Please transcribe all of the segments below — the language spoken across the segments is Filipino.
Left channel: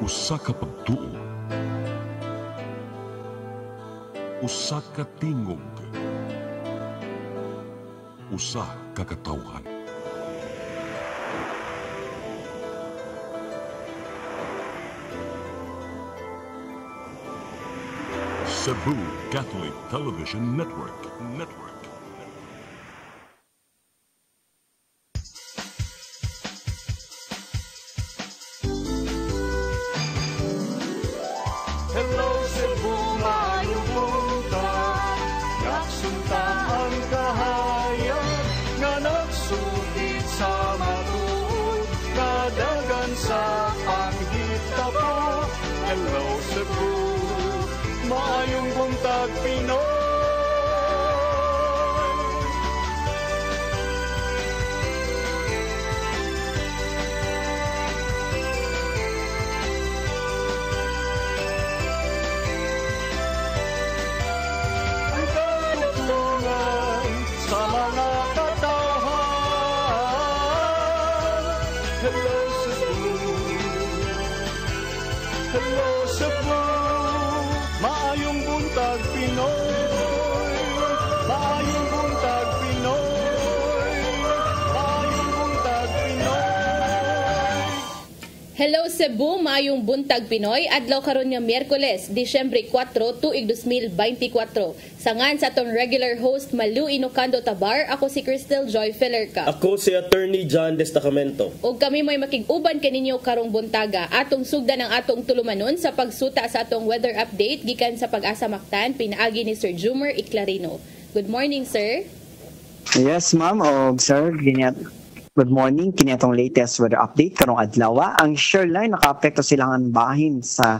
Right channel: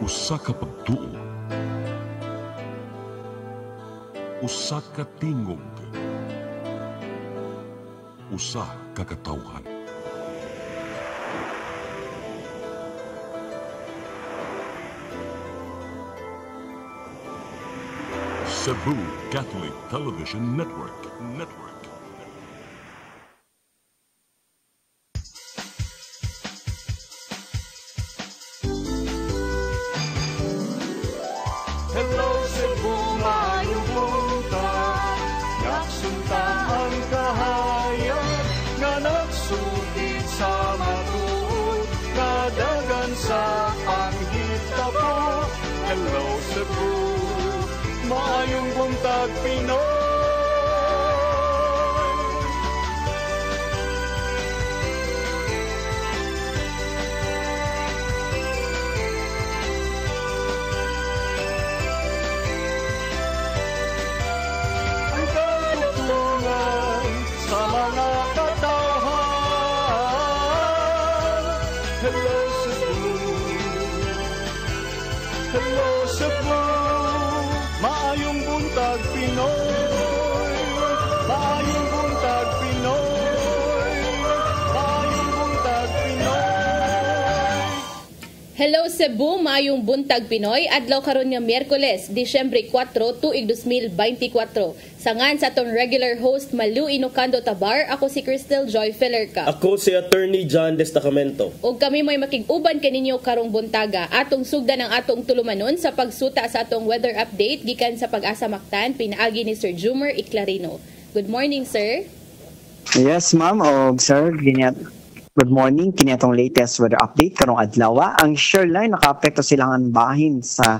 Usa ka pagtuo, usa ka tingog, usa ka katawhan. Cebu Catholic Television Network. Hello Cebu, maayong buntag. Nagsunta ang kahayag na nagsulit sa matuod, nadagan sa anghit tapo. Hello Cebu, maayong buntag Pinoy. Ang katutulungan sa mga katawhan. Hello Cebu, hello Cebu, maayong buntag Pinoy. Maayong buntag Pinoy. Maayong buntag Pinoy. Hello Cebu, maayong buntag Pinoy. Adlaw karon nga Miyerkules, Disyembre 4, tuig 2024. Sangan sa atong regular host Malu Inocando Tabar, ako si Crystal Joy Fillerca. Ako si Attorney John Destacamento. Ug kami may makig-uban kaninyo karong buntaga. Atong sugdan ang atong tulumanon sa pagsuta sa atong weather update gikan sa Pag-asa Mactan, pinaagi ni Sir Jumer Iclarino. Good morning, sir. Yes, ma'am. O, sir, good morning. Kini atong latest weather update karong adlaw. Ang shoreline nakaapekto silang bahin sa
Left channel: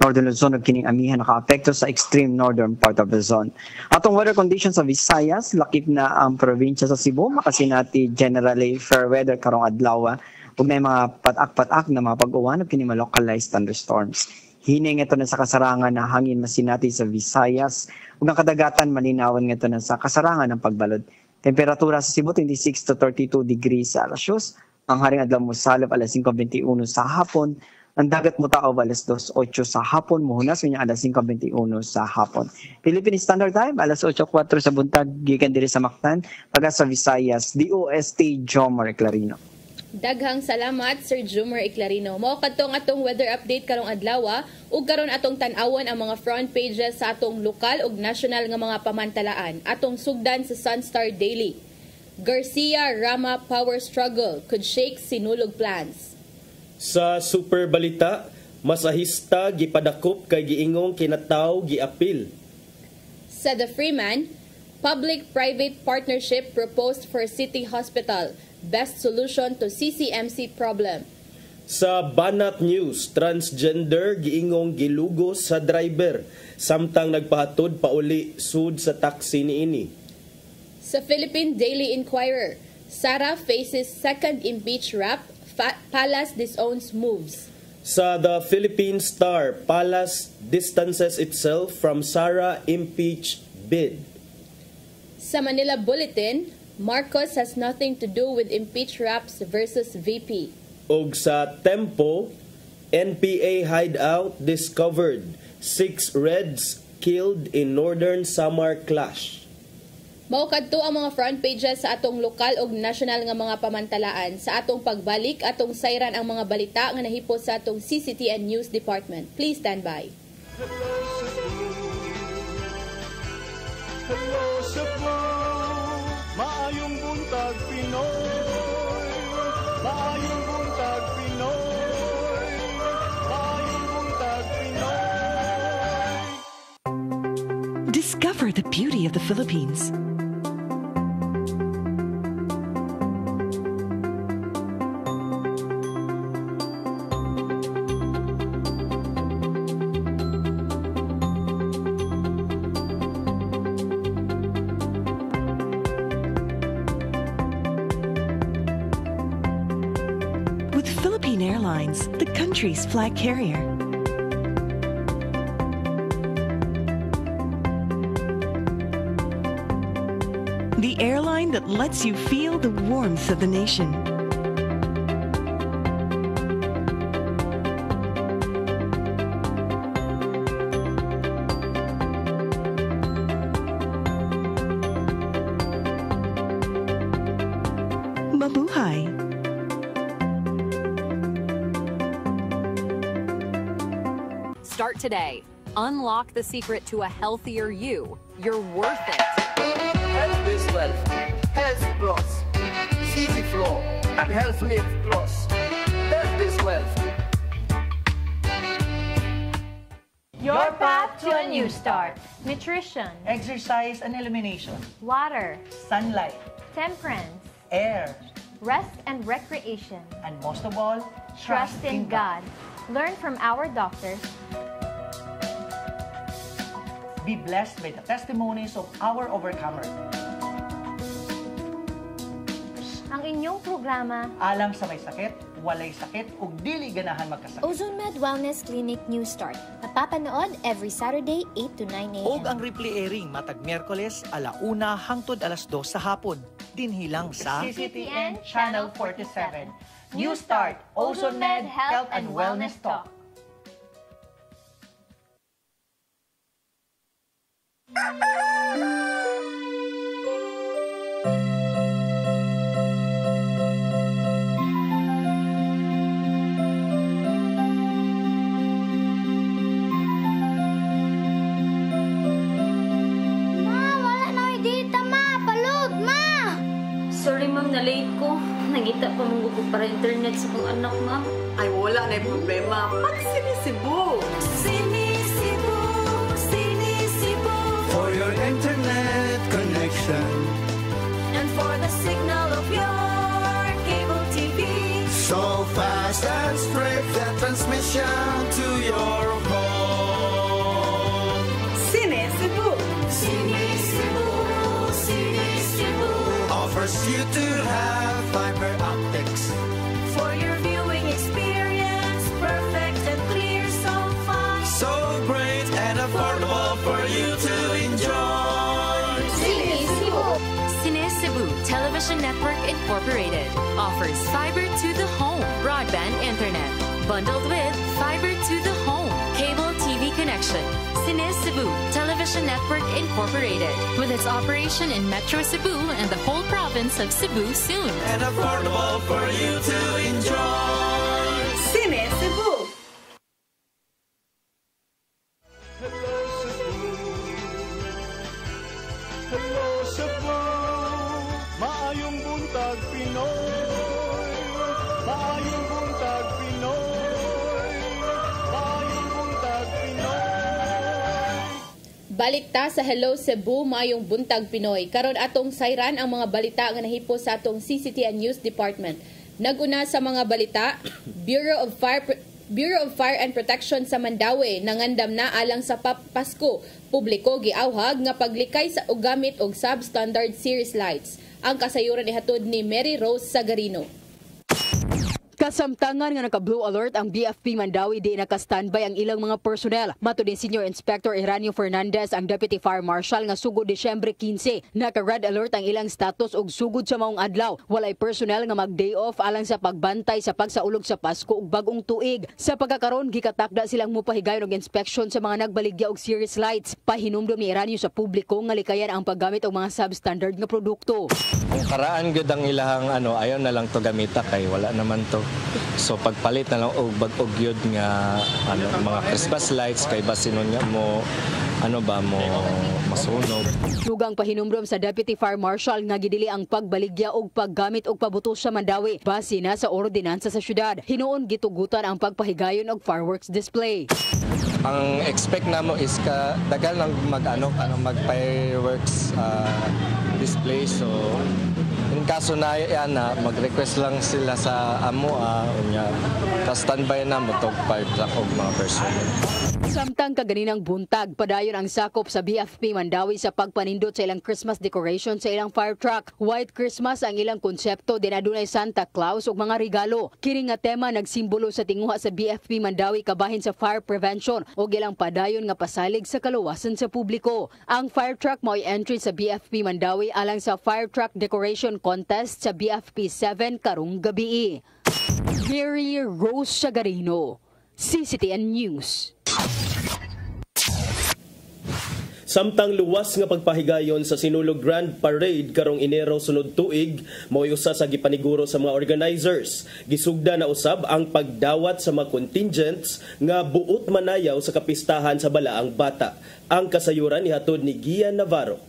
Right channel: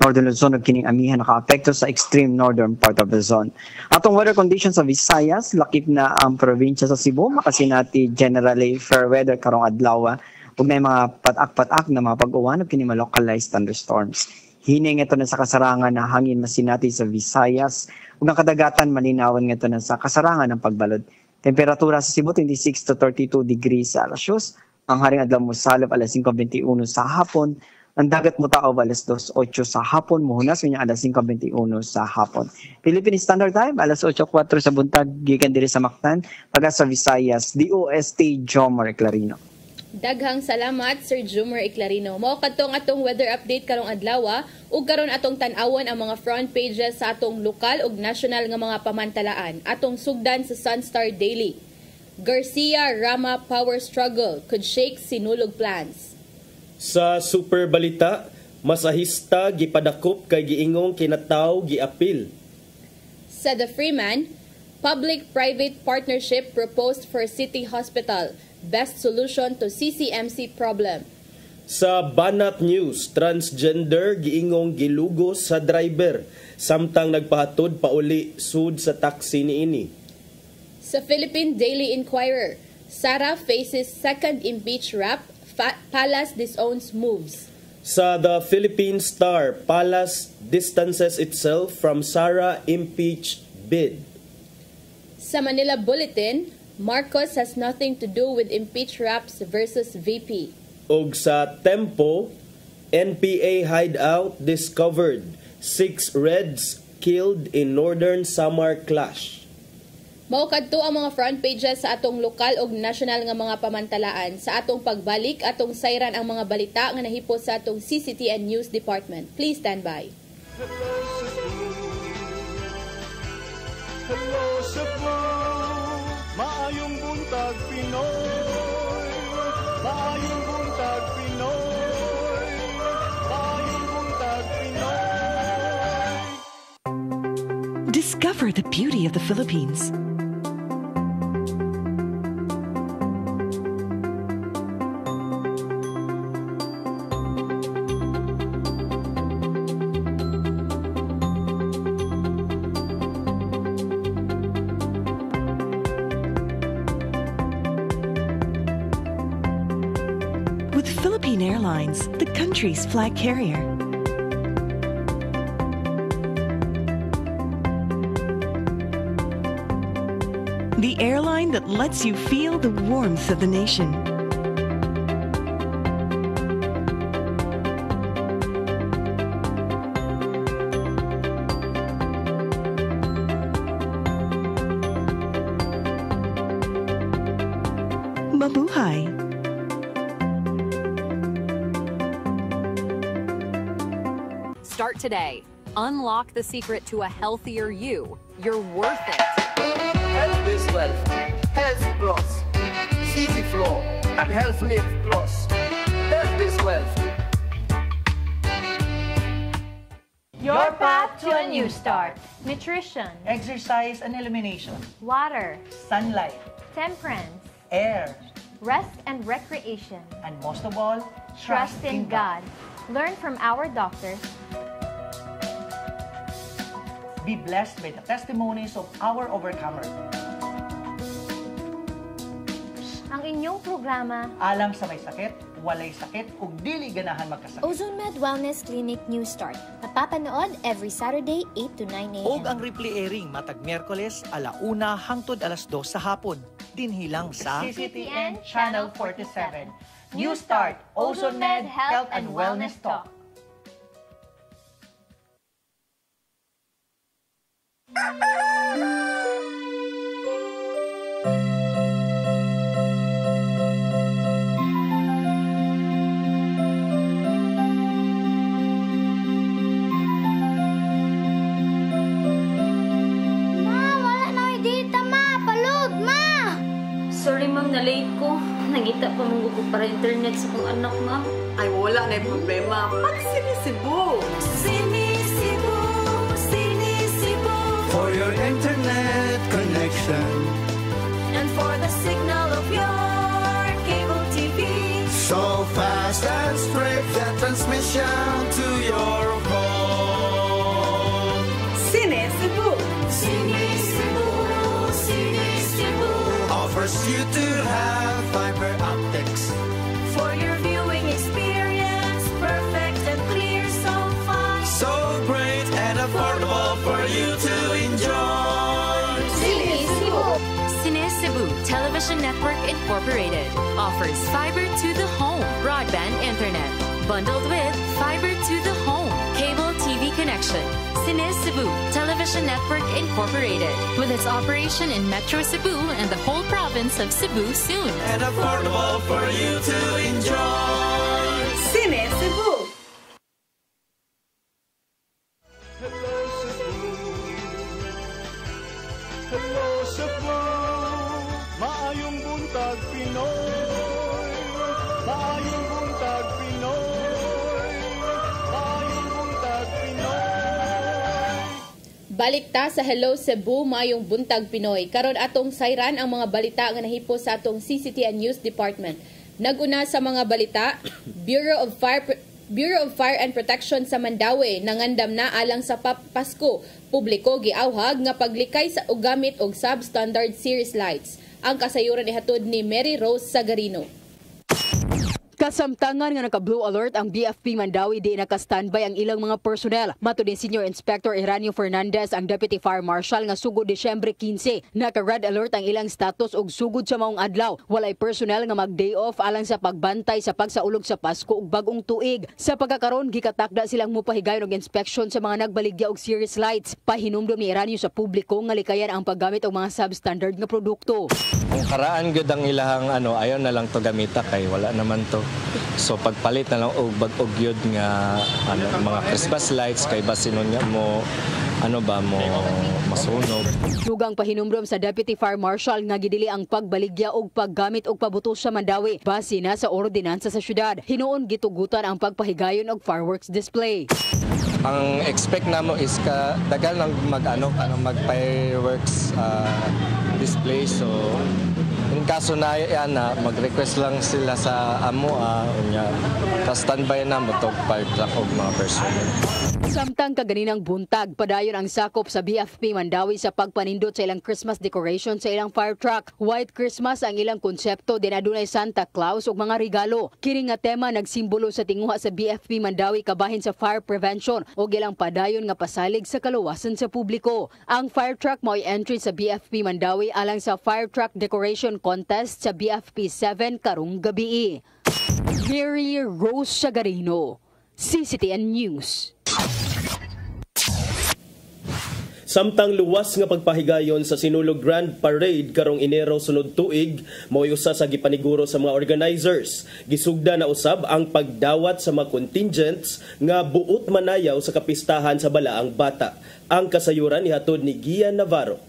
Northern Luzon ug kining amihan nakaapekto sa extreme northern part of Luzon. Atong weather conditions sa Visayas, lakip na ang probinsya sa Cebu, makasinati generally fair weather karong adlaw ug may mga patak-patak na mga pag-uwan ug kini mga localized thunderstorms. Hining ito na sa kasarangan na hangin masinati sa Visayas ug ang kadagatan malinawan nga ito na sa kasarangan ng pagbalod. Temperatura sa Cebu 26 to 32 degrees Celsius. Ang haring adlaw mo salop alas 5:21 sa hapon. Ang dagat mo tao alas 2:08 sa hapon. Muhunas niya alas 5:21 sa hapon. Philippine Standard Time alas 8:04 sa buntag gikan diri sa Mactan. Taga sa Visayas, DOST Jomar Clarino. Daghang salamat, Sir Jumer Iclarino. Mao kadtong atong weather update karong adlaw, ug karon atong tan-awon ang mga front pages sa atong lokal ug national nga mga pamantalaan. Atong sugdan sa Sunstar Daily. Garcia Rama power struggle could shake sinulog plans. Sa Super Balita, masahista gipadakop kay giingong kinataw giapil. Sa The Freeman, public-private partnership proposed for city hospital. Best solution to CCMC problem. Sa Banat News, transgender giingong gilugos sa driver samtang nagpahatod pauli sud sa taxi niini. Sa Philippine Daily Inquirer, Sara faces second impeach rap, Palace disowns moves. Sa The Philippine Star, Palace distances itself from Sara impeach bid. Sa Manila Bulletin, Marcos has nothing to do with impeach raps versus VP. Og sa Tempo, NPA hideout discovered. 6 Reds killed in Northern Samar clash. Mao kadto ang mga front pages sa atong lokal ug national nga mga pamantalaan. Sa atong pagbalik, atong sayran ang mga balita nga nahipos sa atong CCTN News Department. Please stand by. Hello Cebu, hello Cebu, maayong buntag Pinoy. Maayong buntag Pinoy. Maayong buntag Pinoy. Discover the beauty of the Philippines. With Philippine Airlines, the country's flag carrier. The airline that lets you feel the warmth of the nation. Start today. Unlock the secret to a healthier you. You're worth it. Health is wealth. Health Plus. CC Flow and Health Lift Plus. Health is wealth. Your path to a new start. Nutrition, Exercise and elimination. water, Sunlight. temperance, Air. rest and recreation. And most of all, Trust in God. Learn from our doctors. Be blessed by the testimonies of our overcomer. Ang inyong programa, Alam sa may sakit, walay sakit, ug dili ganahan magkasakit. Ozone Med Wellness Clinic New Start. Mapapanood every Saturday 8 to 9 a.m. Og ang replay airing matag Miyerkules 1:00 hangtod 2:00 sa hapon. Dinhilang sa CCTN Channel 47. New Start, Ozone Med Health and Wellness Talk. Sorry ma'am, na-late ko. Nangita pa mong gusto para internet sa kong anak ma'am. Ay wala na yung problema. Pag-sinisibo! Sinisibo, sinisibo. For your internet connection And for the signal of your cable TV. so fast and spread the transmission to your home. Sinisibo! Sinisibo, sinisibo. Offers you to have fiber optics. For your viewing experience, perfect and clear so far. So great and affordable for you to enjoy. Cine Cebu Television Network Incorporated offers fiber to the home broadband internet bundled with fiber to the home cable TV connection. Cine Cebu Television Network Incorporated with its operation in Metro Cebu and the whole province of Cebu soon. And affordable for you to enjoy. Sinisibo! Hello Cebu, hello Cebu, maayong buntag Pinoy, maayong buntag Pinoy, maayong buntag Pinoy. Balik ta sa Hello Cebu, mayong buntag Pinoy. Karon atong sayran ang mga balita nga nahipo sa atong CCTN News Department. Naguna sa mga balita, Bureau of Fire and Protection sa Mandawi nangandam na alang sa Pasko. Publiko giawhag nga paglikay sa og gamit og substandard series lights. Ang kasayuran ihatod ni Mary Rose Sagarino. Kasamtangan nga naka-blue alert ang BFP Mandawi di naka-standby ang ilang mga personnel. Mato ni Senior Inspector Eranio Fernandez, ang Deputy Fire Marshal nga sugod Disyembre 15, naka-red alert ang ilang status og sugod sa maong adlaw. Walay personnel nga mag-day off alang sa pagbantay sa pagsaulog sa Pasko ug bagong tuig. Sa pagkakaron gikatakda silang mopahigayon og inspection sa mga nagbaligya og series lights. Pahinumdom ni Eranio sa publiko nga likayan ang paggamit og mga substandard nga produkto. Ang karaan gud ang ilahang ayaw na lang to gamita kay wala naman to. So pagpalit na lang og bag-og yun nga mga Christmas lights kay basin niya mo masunog. Dugang pahinumdom sa Deputy Fire Marshal nga gidili ang pagbaligya og paggamit og pabutos sa Mandawi base na sa ordinansa sa syudad. Hinuon gitugutan ang pagpahigayon og fireworks display. Ang expect namo is dagal lang mag fireworks display, so in kaso na yan mag-request lang sila sa amo pa-standby na matog fire truck og mga personnel. Samtang kaganinang buntag, padayon ang sakop sa BFP Mandawi sa pagpanindot sa ilang Christmas decoration sa ilang fire truck. White Christmas ang ilang konsepto, din adunay Santa Claus ug mga regalo. Kini nga tema nagsimbolo sa tinguha sa BFP Mandawi kabahin sa fire prevention ug ilang padayon nga pasalig sa kaluwasan sa publiko. Ang fire truck mao'y entry sa BFP Mandawi alang sa fire truck decoration contest sa BFP 7 karong gabi. Mary Rose Sagarino, CCTN News. Samtang luwas nga pagpahigayon sa Sinulog Grand Parade karong Enero sunod tuig, mao'y usa sa gipaniguro sa mga organizers. Gisugda na usab ang pagdawat sa mga contingents nga buot manayaw sa kapistahan sa balaang bata. Ang kasayuran nihatod ni Gian Navarro.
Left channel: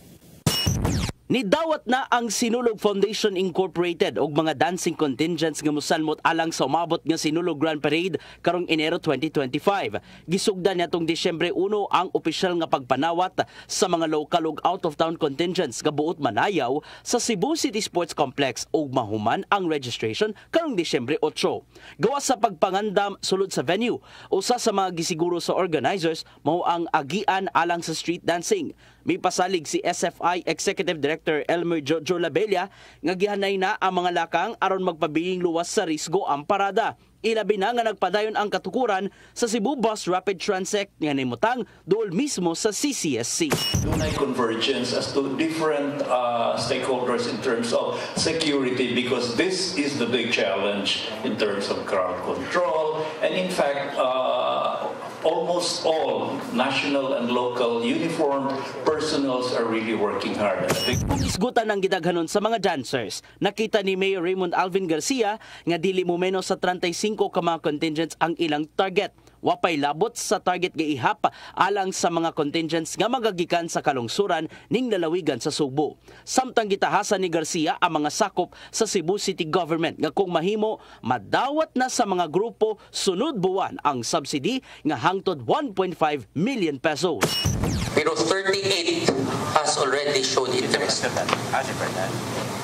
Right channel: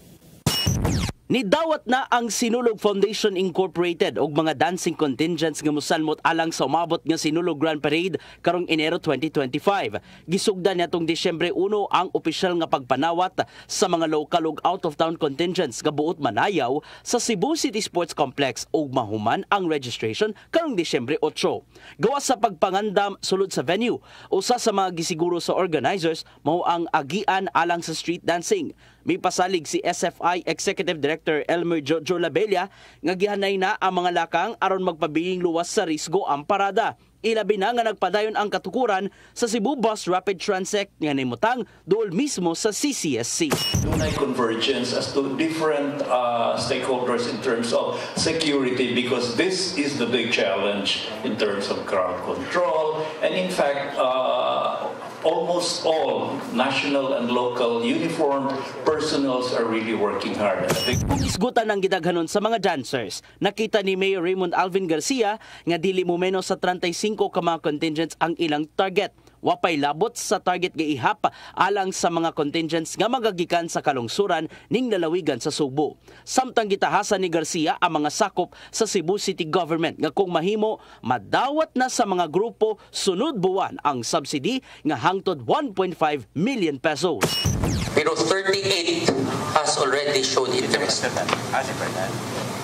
Nidawat na ang Sinulog Foundation Incorporated og mga dancing contingents nga mosalmot alang sa umabot nga Sinulog Grand Parade karong Enero 2025. Gisugdan niadtong Disyembre 1 ang opisyal nga pagpanawat sa mga local ug out-of-town contingents nga buot manayaw sa Cebu City Sports Complex ug mahuman ang registration karong Disyembre 8. Gawas sa pagpangandam sulod sa venue, usa sa mga gisiguro sa organizers mao ang agian alang sa street dancing. May pasalig si SFI Executive Director Elmer Jojo Labella nga gihanay na ang mga lakang aron magpabiling luwas sa risgo ang parada. Ilabi na nga nagpadayon ang katukuran sa Cebu Bus Rapid Transit nga nimutang dool mismo sa CCSC. Dunay convergence as to different stakeholders in terms of security because this is the big challenge in terms of crowd control and in fact almost all national and local uniformed personnels are really working hard. Isgutan ang gidaghanon sa mga dancers. Nakita ni Mayor Raymond Alvin Garcia nga dili mo menos sa 35 ka mga contingents ang ilang target. Wapay labot sa target nga ihap alang sa mga contingents nga magagikan sa kalungsuran ning lalawigan sa Subo. Samtang gitahasan ni Garcia ang mga sakop sa Cebu City Government nga kung mahimo madawat na sa mga grupo sunod buwan ang subsidy nga hangtod 1.5 million pesos. Pero 38 has already showed interest.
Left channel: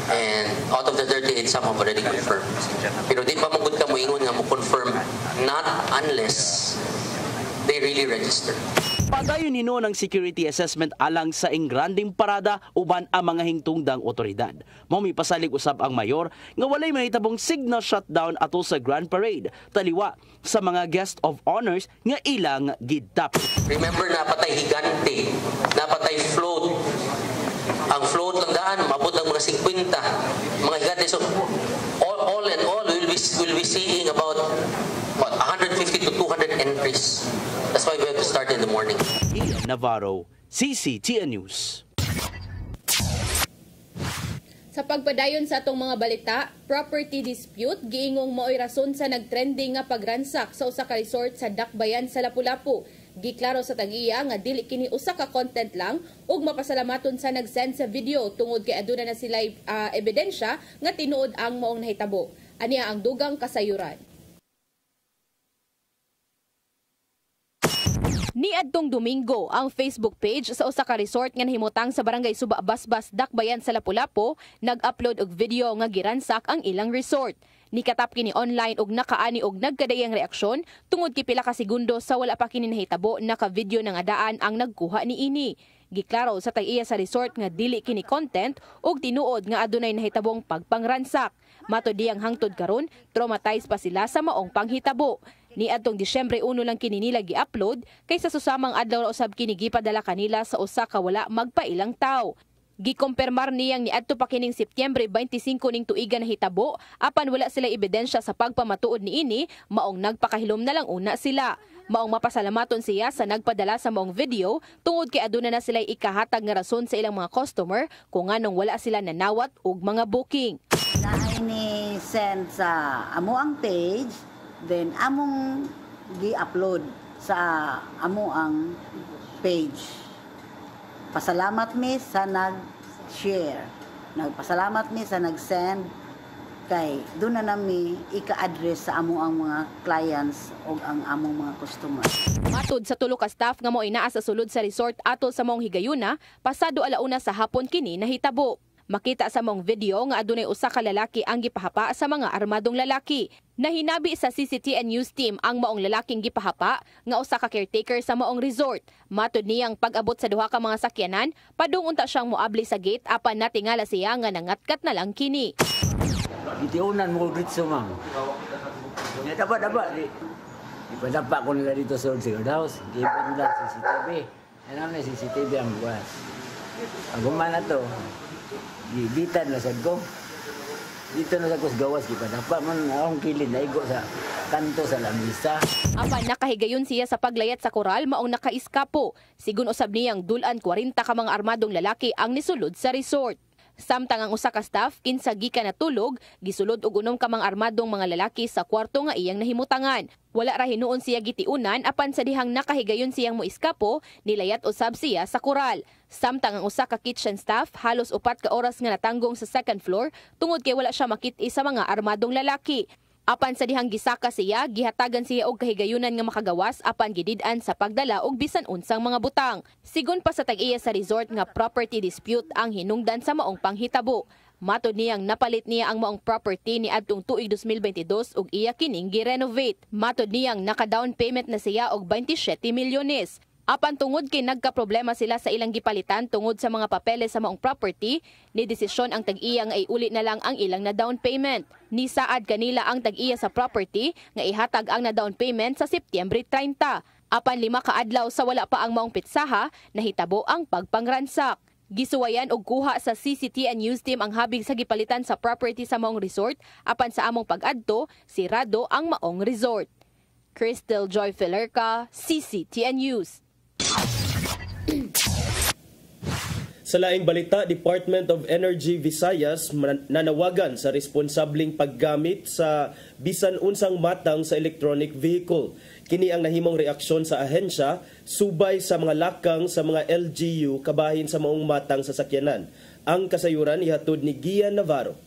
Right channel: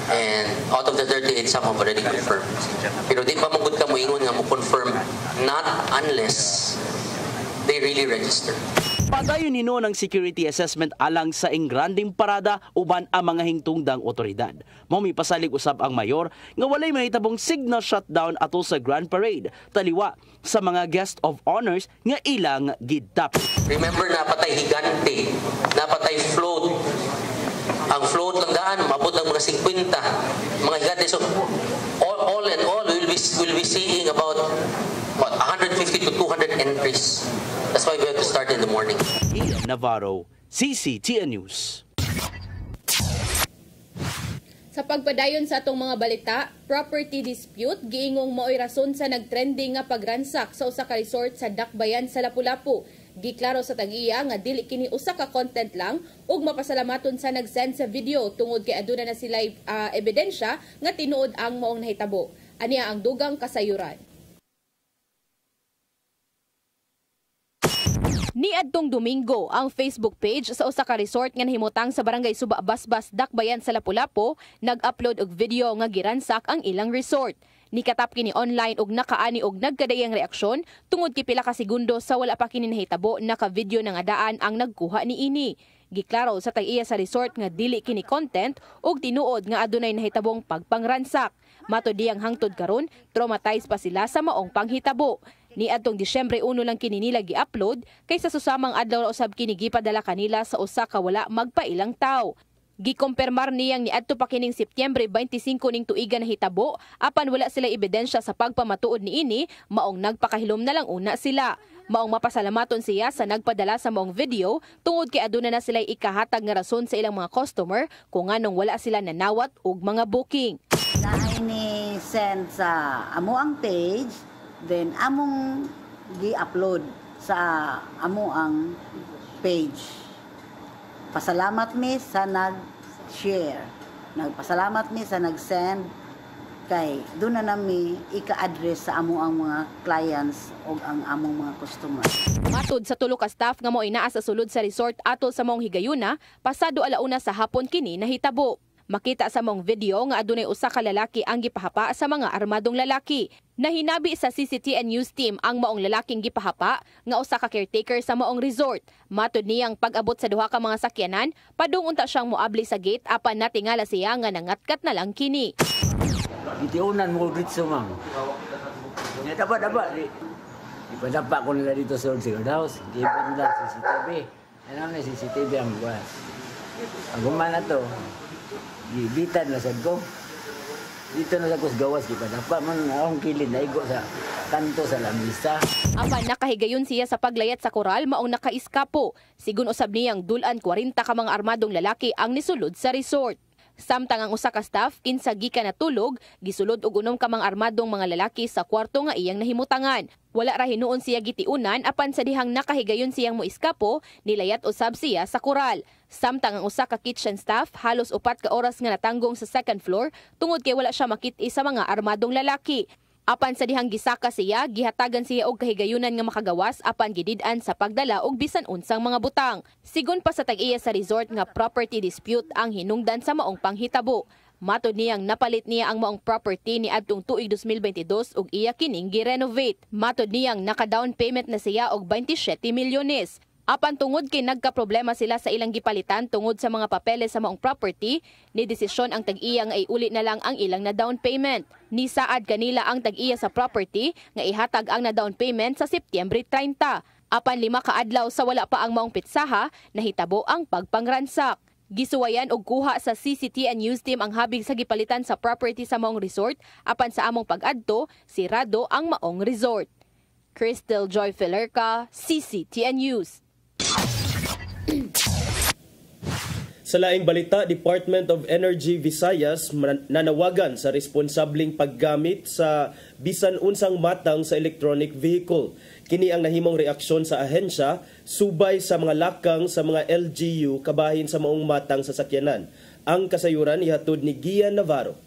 And out of the 38, some have already confirmed. Pero di pa magud ka mo ingon nga mo confirm not unless they really register. Padayon ni ng security assessment alang sa ingranding parada uban ang mga hingtungdang otoridad. Mao mi pasalig usab ang mayor nga walay mahitabong signal shutdown ato sa Grand Parade taliwa sa mga guest of honors nga ilang gidap. Remember napatay higante, napatay float. Ang float lang daan mabot lang muna 50 mga higante. So all in all we'll be seeing about 150 to 200 entries. That's why we have to start in the morning. Ian Navarro, CCTN News. Sa pagpadayon sa atong mga balita, property dispute giingong mao'y rason sa nagtrending nga pagransak sa usa ka resort sa Dakbayan sa Lapu-Lapu. Giklaro sa tag-iya nga dili kini usa ka content lang ug mapasalamaton sa nag-send sa video tungod kay aduna na sila ebidensya nga tinuod ang maong nahitabo. Aniya ang dugang kasayuran. Niadtong Domingo, ang Facebook page sa usa ka resort nga nahimutang sa barangay Suba Basbas, Dakbayan sa Lapu-Lapu nag-upload og video nga giransak ang ilang resort. Nikatap kini online og nakaani og nagkadayang reaksyon tungod kay pila ka segundo sa wala pa kini nahitabo naka-video na nga daan ang nagkuha niini. Giklaro sa tag-iya sa resort nga dili kini content og tinuod nga adunay nahitabong pagpangransak. Matod diyang hangtod karon, traumatized pa sila sa maong panghitabo. Niadtong Disyembre 1 lang kini nila gi-upload kaysa susamang adlaw na usab kini gipadala kanila sa usa ka wala magpailang tawo. Gikompirmar niyang niadto pa kining Setyembre 25 ning tuiga na hitabo apan wala sila ebidensya sa pagpamatuod niini maong nagpakahilom na lang una sila. Maong mapasalamaton siya sa nagpadala sa maong video tungod kay aduna na sila ikahatag nga rason sa ilang mga customer kung nganong wala sila nanawat og mga booking. Naay ni send sa amo ang page, then among gi-upload sa amo ang page. Pasalamat mi sa nag-share. Nagpasalamat mi sa nag-send kay doon na nami ika-address sa amo ang mga clients o ang among mga customer. Matod sa tulo ka staff nga mo inaa sa sulod sa resort ato sa maong higayuna, pasado alauna sa hapon kini nahitabo. Makita sa mong video nga adunay usa ka lalaki ang gipahapa sa mga armadong lalaki. Nahinabi sa CCTN News team ang maong lalaking gipahapa nga usa ka caretaker sa maong resort. Matod niyang pag-abot sa duha ka mga sakyanan, padung unta siyang moabli sa gate apan natingala siya nga nangatkat na lang kini. Itiunan mo dito, ma'am. Dapat. Ipadapa ko nila dito sa Old House. Giba nila CCTV. Ano na CCTV ang bukas. Pag umana to, gibitan na sad ko. Dito na sa gawas, di ba? Dapat man akong kilid na igo sa kanto sa lamisa. Apan nakahigayon siya sa paglayat sa koral maong nakaiskapo. Sigun usab niyang dulan 40 ka mga armadong lalaki ang nisulod sa resort. Samtang ang usa ka staff kinsa gikan natulog, gisulod og 6 ka mga armadong mga lalaki sa kwarto nga iyang nahimutangan. Wala ra hinuon siya gitiunan apan sa dihang nakahigayon siyang moiskapo, nilayat usab siya sa koral. Samtang ang usa ka kitchen staff halos 4 ka oras nga natanggong sa second floor tungod kay wala siya makit-i sa mga armadong lalaki. Apan sa dihang gisaka siya, gihatagan siya og kahigayunan nga makagawas apan gidid-an sa pagdala og bisan unsang mga butang. Sigon pa sa tag-iya sa resort nga property dispute ang hinungdan sa maong panghitabo. Matod niyang napalit niya ang maong property ni adtong tuig 2022 ug iya kining gi-renovate. Matod niyang naka-down payment na siya og 27 milyones. Apan tungod kay nagka-problema sila sa ilang gipalitan tungod sa mga papeles sa maong property, ni desisyon ang tag-iya nga iuli na lang ang ilang na down payment. Nisaad kanila ang tag-iya sa property nga ihatag ang na down payment sa Setyembre 30. Apan 5 ka adlaw sa wala pa ang maong pitsaha, nahitabo ang pagpangransak. Gisuwayan og kuha sa CCTN News Team ang habig sa gipalitan sa property sa maong resort, apan sa among pag-adto, sirado ang maong resort. Crystal Joy Filerca, CCTN News. Sa laing balita, Department of Energy Visayas nanawagan sa responsabling paggamit sa bisan unsang matang sa electronic vehicle. Kini ang nahimong reaksyon sa ahensya subay sa mga lakang sa mga LGU kabahin sa maong matang sasakyanan. Ang kasayuran ihatod ni Gian Navarro.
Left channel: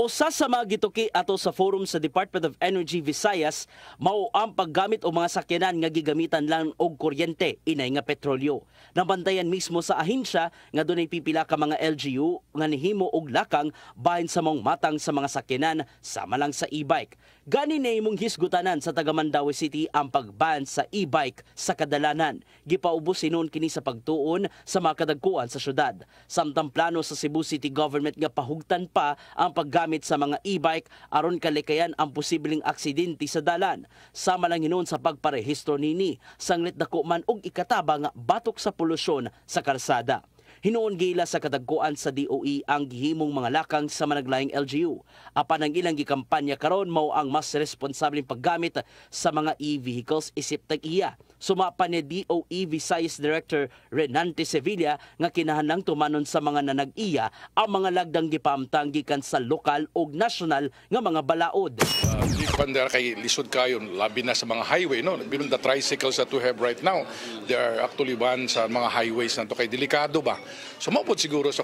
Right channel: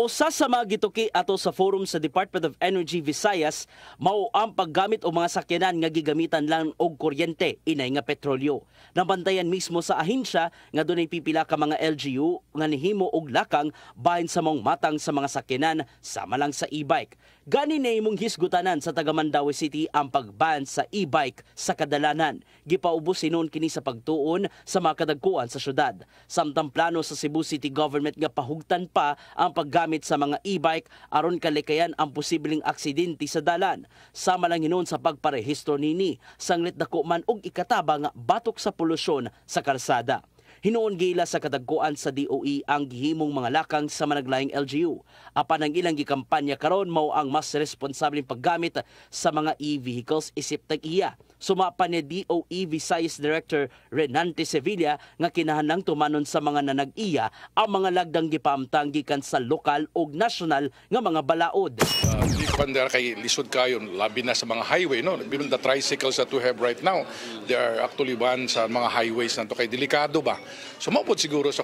Usa sa mga gituki ato sa forum sa Department of Energy Visayas mao ang paggamit og mga sakyanan nga gigamitan lang og kuryente inay nga petrolyo. Nabantayan mismo sa ahensya nga dunay pipila ka mga LGU nga nihimo og lakang bahin sa maong matang sa mga sakyanan sama lang sa e-bike. Gani na imong hisgutanan sa taga Mandaue City ang pagban sa e-bike sa kadalanan. Gipaubos sinon kini sa pagtuon sa mga kadagkuan sa syudad. Samtang plano sa Cebu City Government nga pahugtan pa ang paggamit sa mga e-bike aron kalikayan ang posibleng aksidente sa dalan. Sama lang hinon sa pagparehistro nini, sanglit dako man og ikataba nga batok sa polusyon sa kalsada. Hinuon gila sa kadagkuan sa DOE ang gihimong mga lakang sa managlaing LGU. Apan ang ilang gikampanya karon mao ang mas responsableng paggamit sa mga e-vehicles isip tag-iya. Sumapa ni DOE Visayas Director Renante Sevilla nga kinahanglang tumanon sa mga nanag-iya ang mga lagdang gipaamtang gikan sa lokal ug nasyonal nga mga balaod. Di pandar kay lisod kayo labi na sa mga highway no. Even the tricycles that we have right now, they are actually banned sa mga highways nanto kay delikado ba. Sumapod siguro sa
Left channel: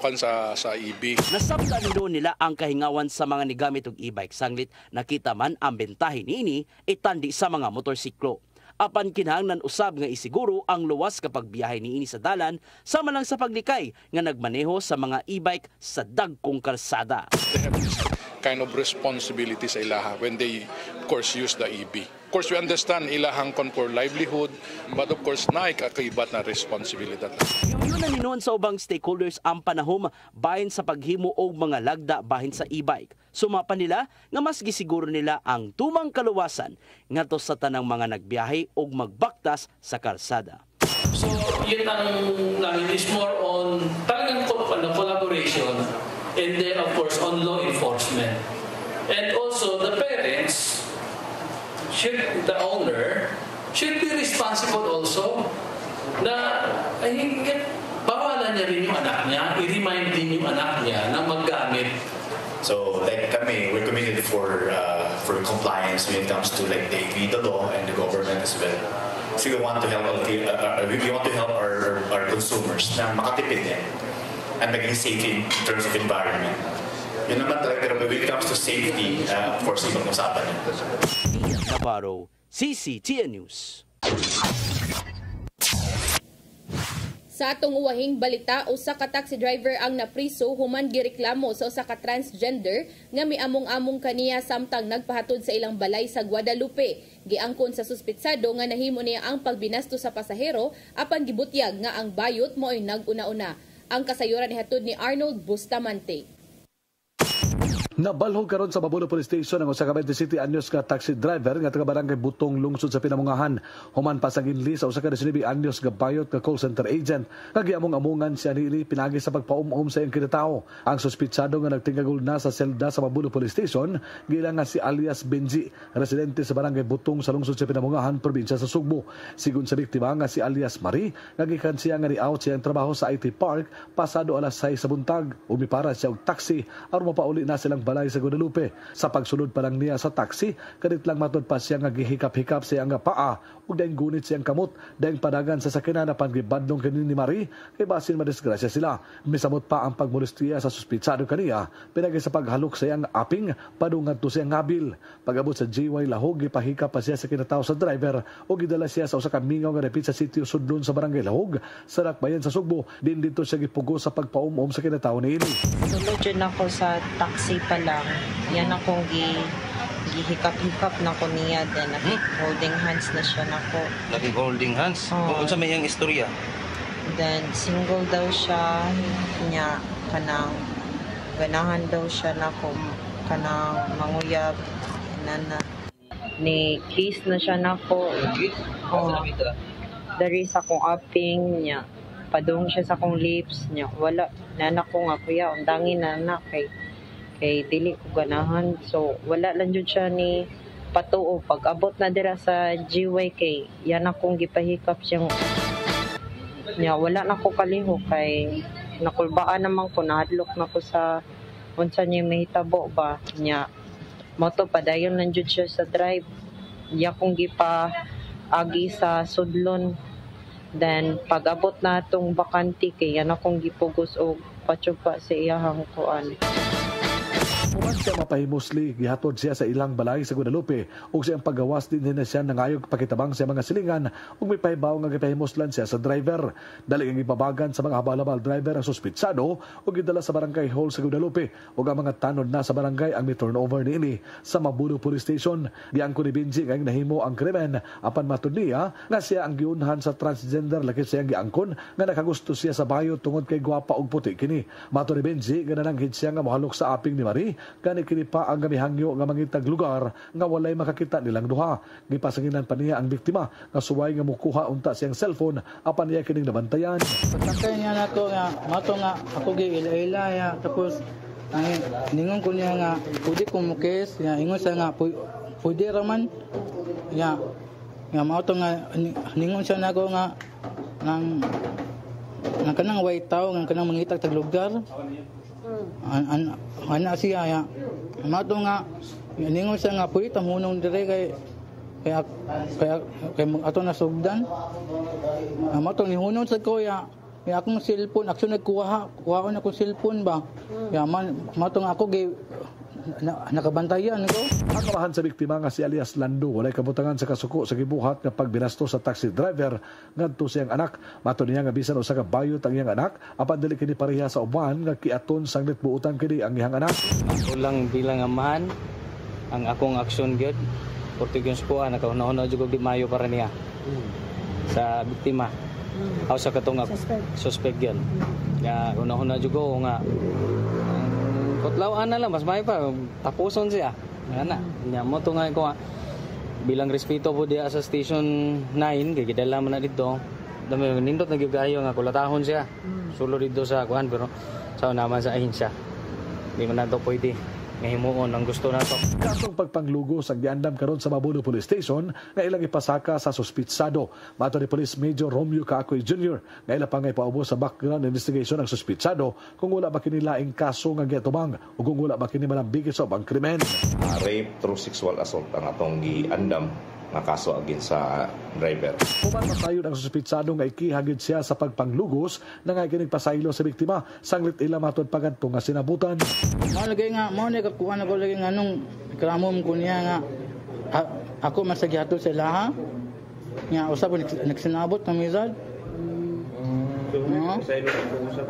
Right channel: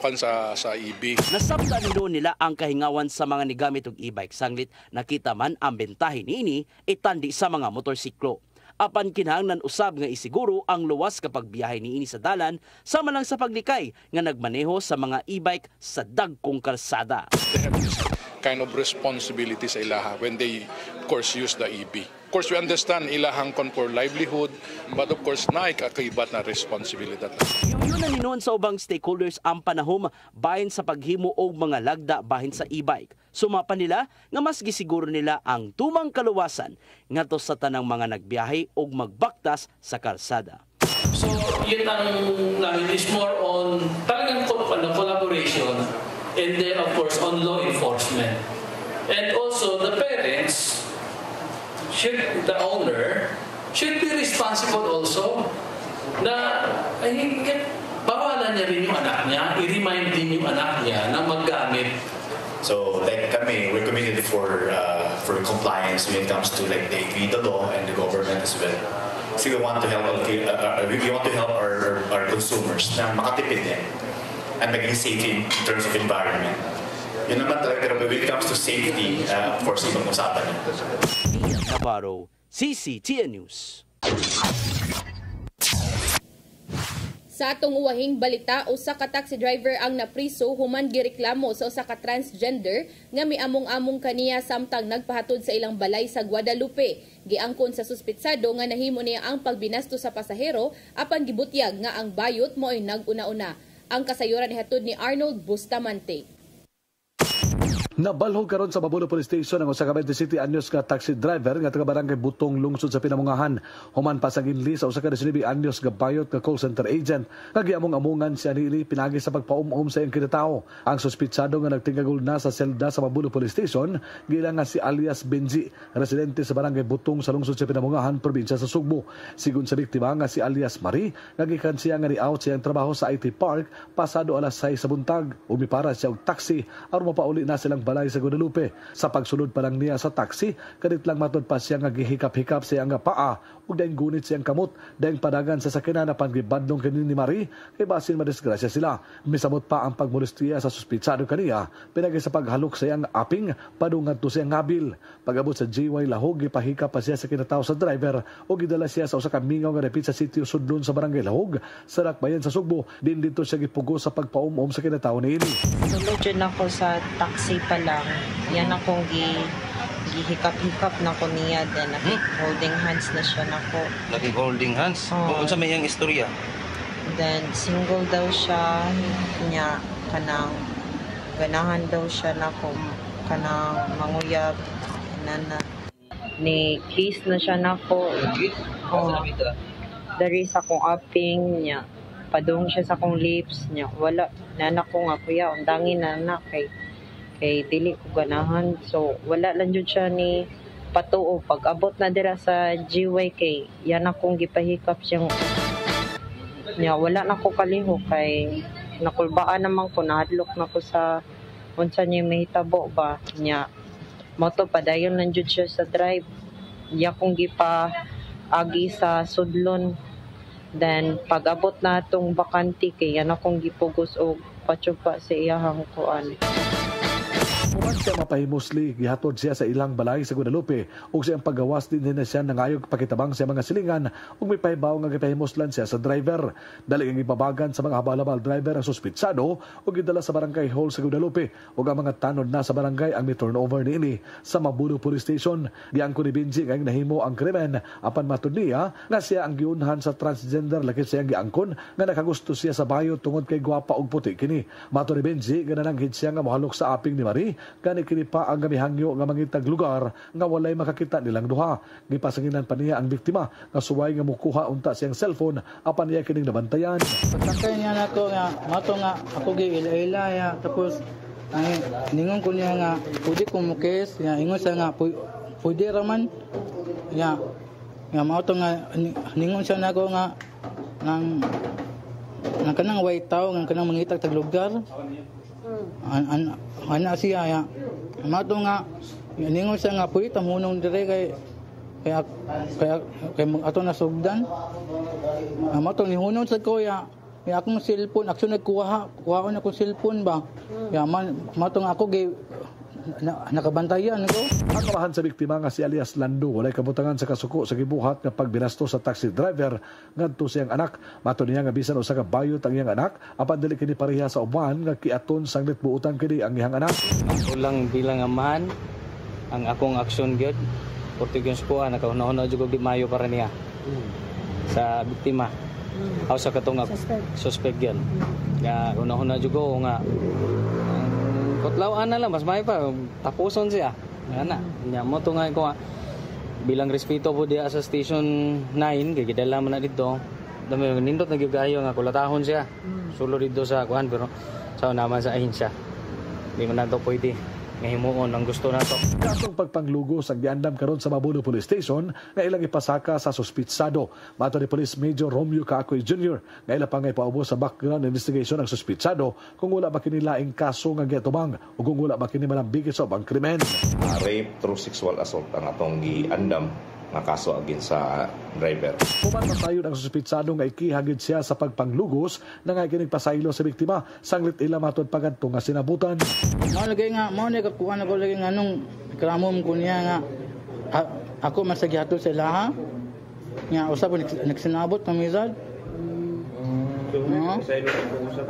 EV. Nasabtan nila ang kahingawan sa mga nigamit og e-bike sanglit nakita man ang bentahe niini itandi sa mga motorsiklo. Apan kinahanglan usab nga isiguro ang luwas kapag biyahe niini sa dalan sama lang sa paglikay nga nagmaneho sa mga e-bike sa dagkong kalsada. They have this kind of responsibility sa ilaha when they of course use the EV. Of course we understand ilahang kon for livelihood but of course naay kakaibat na responsibilidad. Yun ang hinuon sa ubang stakeholders ang panahom bahin sa paghimo og mga lagda bahin sa e-bike. Sumapa nila nga mas gisiguro nila ang tumang kaluwasan ngadto sa tanang mga nagbiyahe og magbaktas sa kalsada. So yun ang it is more on talagang collaboration and then of course on law enforcement. And also the parents the owner should be responsible also na bawalan niya rin yung anak niya, i-remind din yung anak niya na maggamit. So like kami, we're committed for compliance when it comes to like the law and the government as well. So we want to help our consumers na makatipid din and maging safe in terms of environment. Yun naman talaga, pero when it comes to safety, of course, ibang usapan yan. Navarro, CCTN News. Sa atong uwahing balita, usa ka taxi driver ang napriso human gireklamo sa usa ka transgender nga miamong-among kaniya samtang nagpahatod sa ilang balay sa Guadalupe. Giangkon sa suspitsado nga nahimo niya ang pagbinasto sa pasahero apan gibutyag nga ang bayot mo'y nag-una-una. Ang kasayuran ihatod ni Arnold Bustamante. Nabalhog karon sa Mabuno Police Station ang usa ka 27 anyos ka taxi driver nga taga barangay Butong lungsod sa Pinamungahan. Human pa sa ginli sa usa ka 19 anyos nga bayot nga call center agent nga giamong-amungan siya niini pinagi sa pagpaum-um sa iyang kinatawo. Ang suspitsado nga nagtingagol na sa selda sa Mabuno Police Station gilang nga si alias Benji, residente sa barangay Butong sa lungsod sa Pinamungahan, probinsya sa Sugbo. Sigun sa biktima nga si alias Marie, nagikan siya nga ni-out siyang trabaho sa IT Park pasado alas 6 sa buntag. Umipara siya og taxi aron mapauli na silang balay sa Guadalupe. Sa pagsulod pa lang niya sa taxi, kadit lang matod pa siya nga gihikap-hikap siya nga paa ug daing gunit siyang kamot, daing padagan sa sakyanan apan gibadlong kini ni Marie kay basin madisgrasya sila. Misamot pa ang pagmolestiya sa suspitsado kaniya pinagi sa paghalok sa iyang aping padungan to siyang ngabil. Pag-abot sa GY Lahog, gipahikap pa siya sa kinatawo sa driver o gidala siya sa usa ka mingaw nga dapit sa sitio Sudlon sa barangay Lahog sa Rakbayan sa Sugbo. Din dito siya gipugo sa pagpaum-um sa kinatawo niini. Sulod yun ako sa taxi pa lang. Yan akong gihikap-hikap na ko niya. Then holding hands na siya na ko. Naging holding hands? Kung sa may iyang istorya? Then single daw siya niya. Kanang ganahan daw siya na ko. Kanang manguyab. Nana. Ni kiss na siya na ko. Dari sa akong aping niya. Padung siya sa akong lips niya. Wala. Nana ko nga kuya. Undangin na kay dili ko ganahan, so wala lang jud siya ni patuo. Pag abot na dira sa GY kay yan akong gipahikap siyang niya, wala na ko kaliho kay nakulbaan naman ko, nahadlok na ko sa unsa niya mahitabo ba niya. Moto padayon lang jud siya sa drive. Iya kong gipa agi sa Sudlon. Then pag abot na atong bakante kay yan akong gipugos og patsupa sa iyahang kuan. Human siya mapahimosli, gihatod siya sa ilang balay sa Guadalupe ug siyang paggawas din na siya nangayog pakitabang sa mga silingan ug may pahibaw nga gipahimoslan siya sa driver. Dali ang ibabagan sa mga habal-habal driver ang suspitsado ug gidala sa barangay hall sa Guadalupe ug ang mga tanod na sa barangay ang mi-turnover niini sa Mabuno Police Station. Giangko ni Benji nga nahimo ang krimen apan matud niya nga siya ang giunhan sa transgender laki siya giangkon nga nakagusto siya sa bayo tungod kay gwapa ug puti kini. Matud ni Benji ganananghid siya nga mohalok sa aping ni Marie kani kini pa ang gamihangyo nga mangitag lugar nga walay makakita nilang duha. Gipasanginan pa niya ang biktima nga suway nga mukuha unta siyang cellphone apan niya kining nabantayan. Sakay niya nato nga ako gi-ila ya tapos ay ningon ko niya nga pwede ko mukes ya ingon siya nga pwede raman ya mao to nga ningon siya nako nga nang kanang white tao nga kanang mangitag tag lugar. Ana siya ya mato nga ningon siya nga pwede tamunong dire kay ato na sugdan mato ni hunong sa ko ya akong cellphone action nagkuha ko na akong cellphone ba ya mato nga ako nakabantayan ko. Ang kamahan sa biktima nga si alias Lando walay kabutangan sa kasuko sa gibuhat nga pagbinasto sa taxi driver ngadto sa iyang anak. Mato niya nga bisan usa ka bayot ang iyang anak apan dili kini pareha sa uban nga kiaton sanglit buutan kini ang iyang anak. Ako lang bilang amahan ang akong aksyon gyud Portuguese ko nakahuna-huna jud og mayo para niya sa biktima. Aw sa katong suspect gyud. Nga una-huna jud ko nga kutlawan na lang, mas may pa, tapuson siya. Yan na, mo ito nga ko bilang respeto po diya sa station 9, gagidala mo na dito. Dami, nindot na gigayo nga, kulatahon siya. Sulo dito sa kuhan, pero sa naman sa ahinsya. Hindi na ito pwede. Ngahimuon ang gusto na ito. Kasong pagpanglugos ang giandam karon sa Mabuno Police Station na ilang ipasaka sa suspitsado. Mato ni Police Major Romeo Cacoy Jr. na ilang pangay paubos sa background investigation ng suspitsado kung wala ba kinilaing kaso nga giatubang o kung wala ba kini malambigit sa ubang krimen. Rape through sexual assault ang atong giandam nga kaso against sa driver. Human masayon ang suspitsado nga ikihagid siya sa pagpanglugos na nga ginigpasaylo sa biktima sanglit ila matod pagadto nga sinabutan. Malagay nga mo ni kakuha na ko lagi nga nung kramom ko niya nga ako masagyato sa laha nga usab nagsinabot ng mizad.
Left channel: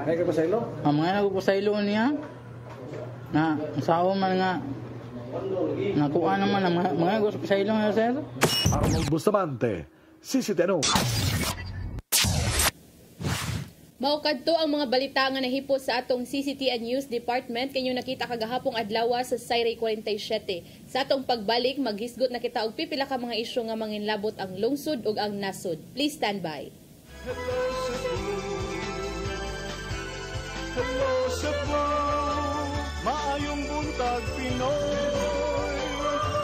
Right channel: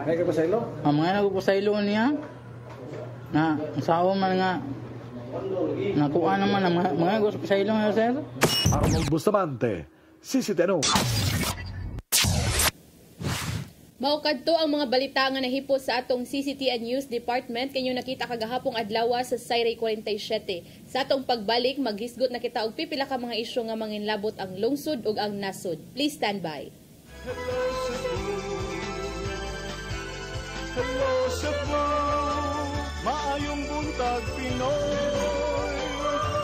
May kapasaylo? Ang mga nagpasaylo niya na sao man nga nakuha naman ang mga gusto sa ilong na sir. Arnold Bustamante, CCTV. Mao kadto ang mga balita nga nahipos sa atong CCTN News Department kanyo nakita kagahapong adlaw sa Sayre 47. Sa atong pagbalik maghisgot na kita og pipila ka mga isyu nga manginlabot ang lungsod ug ang nasod. Please stand by. Hello Cebu, maayong buntag Pinoy,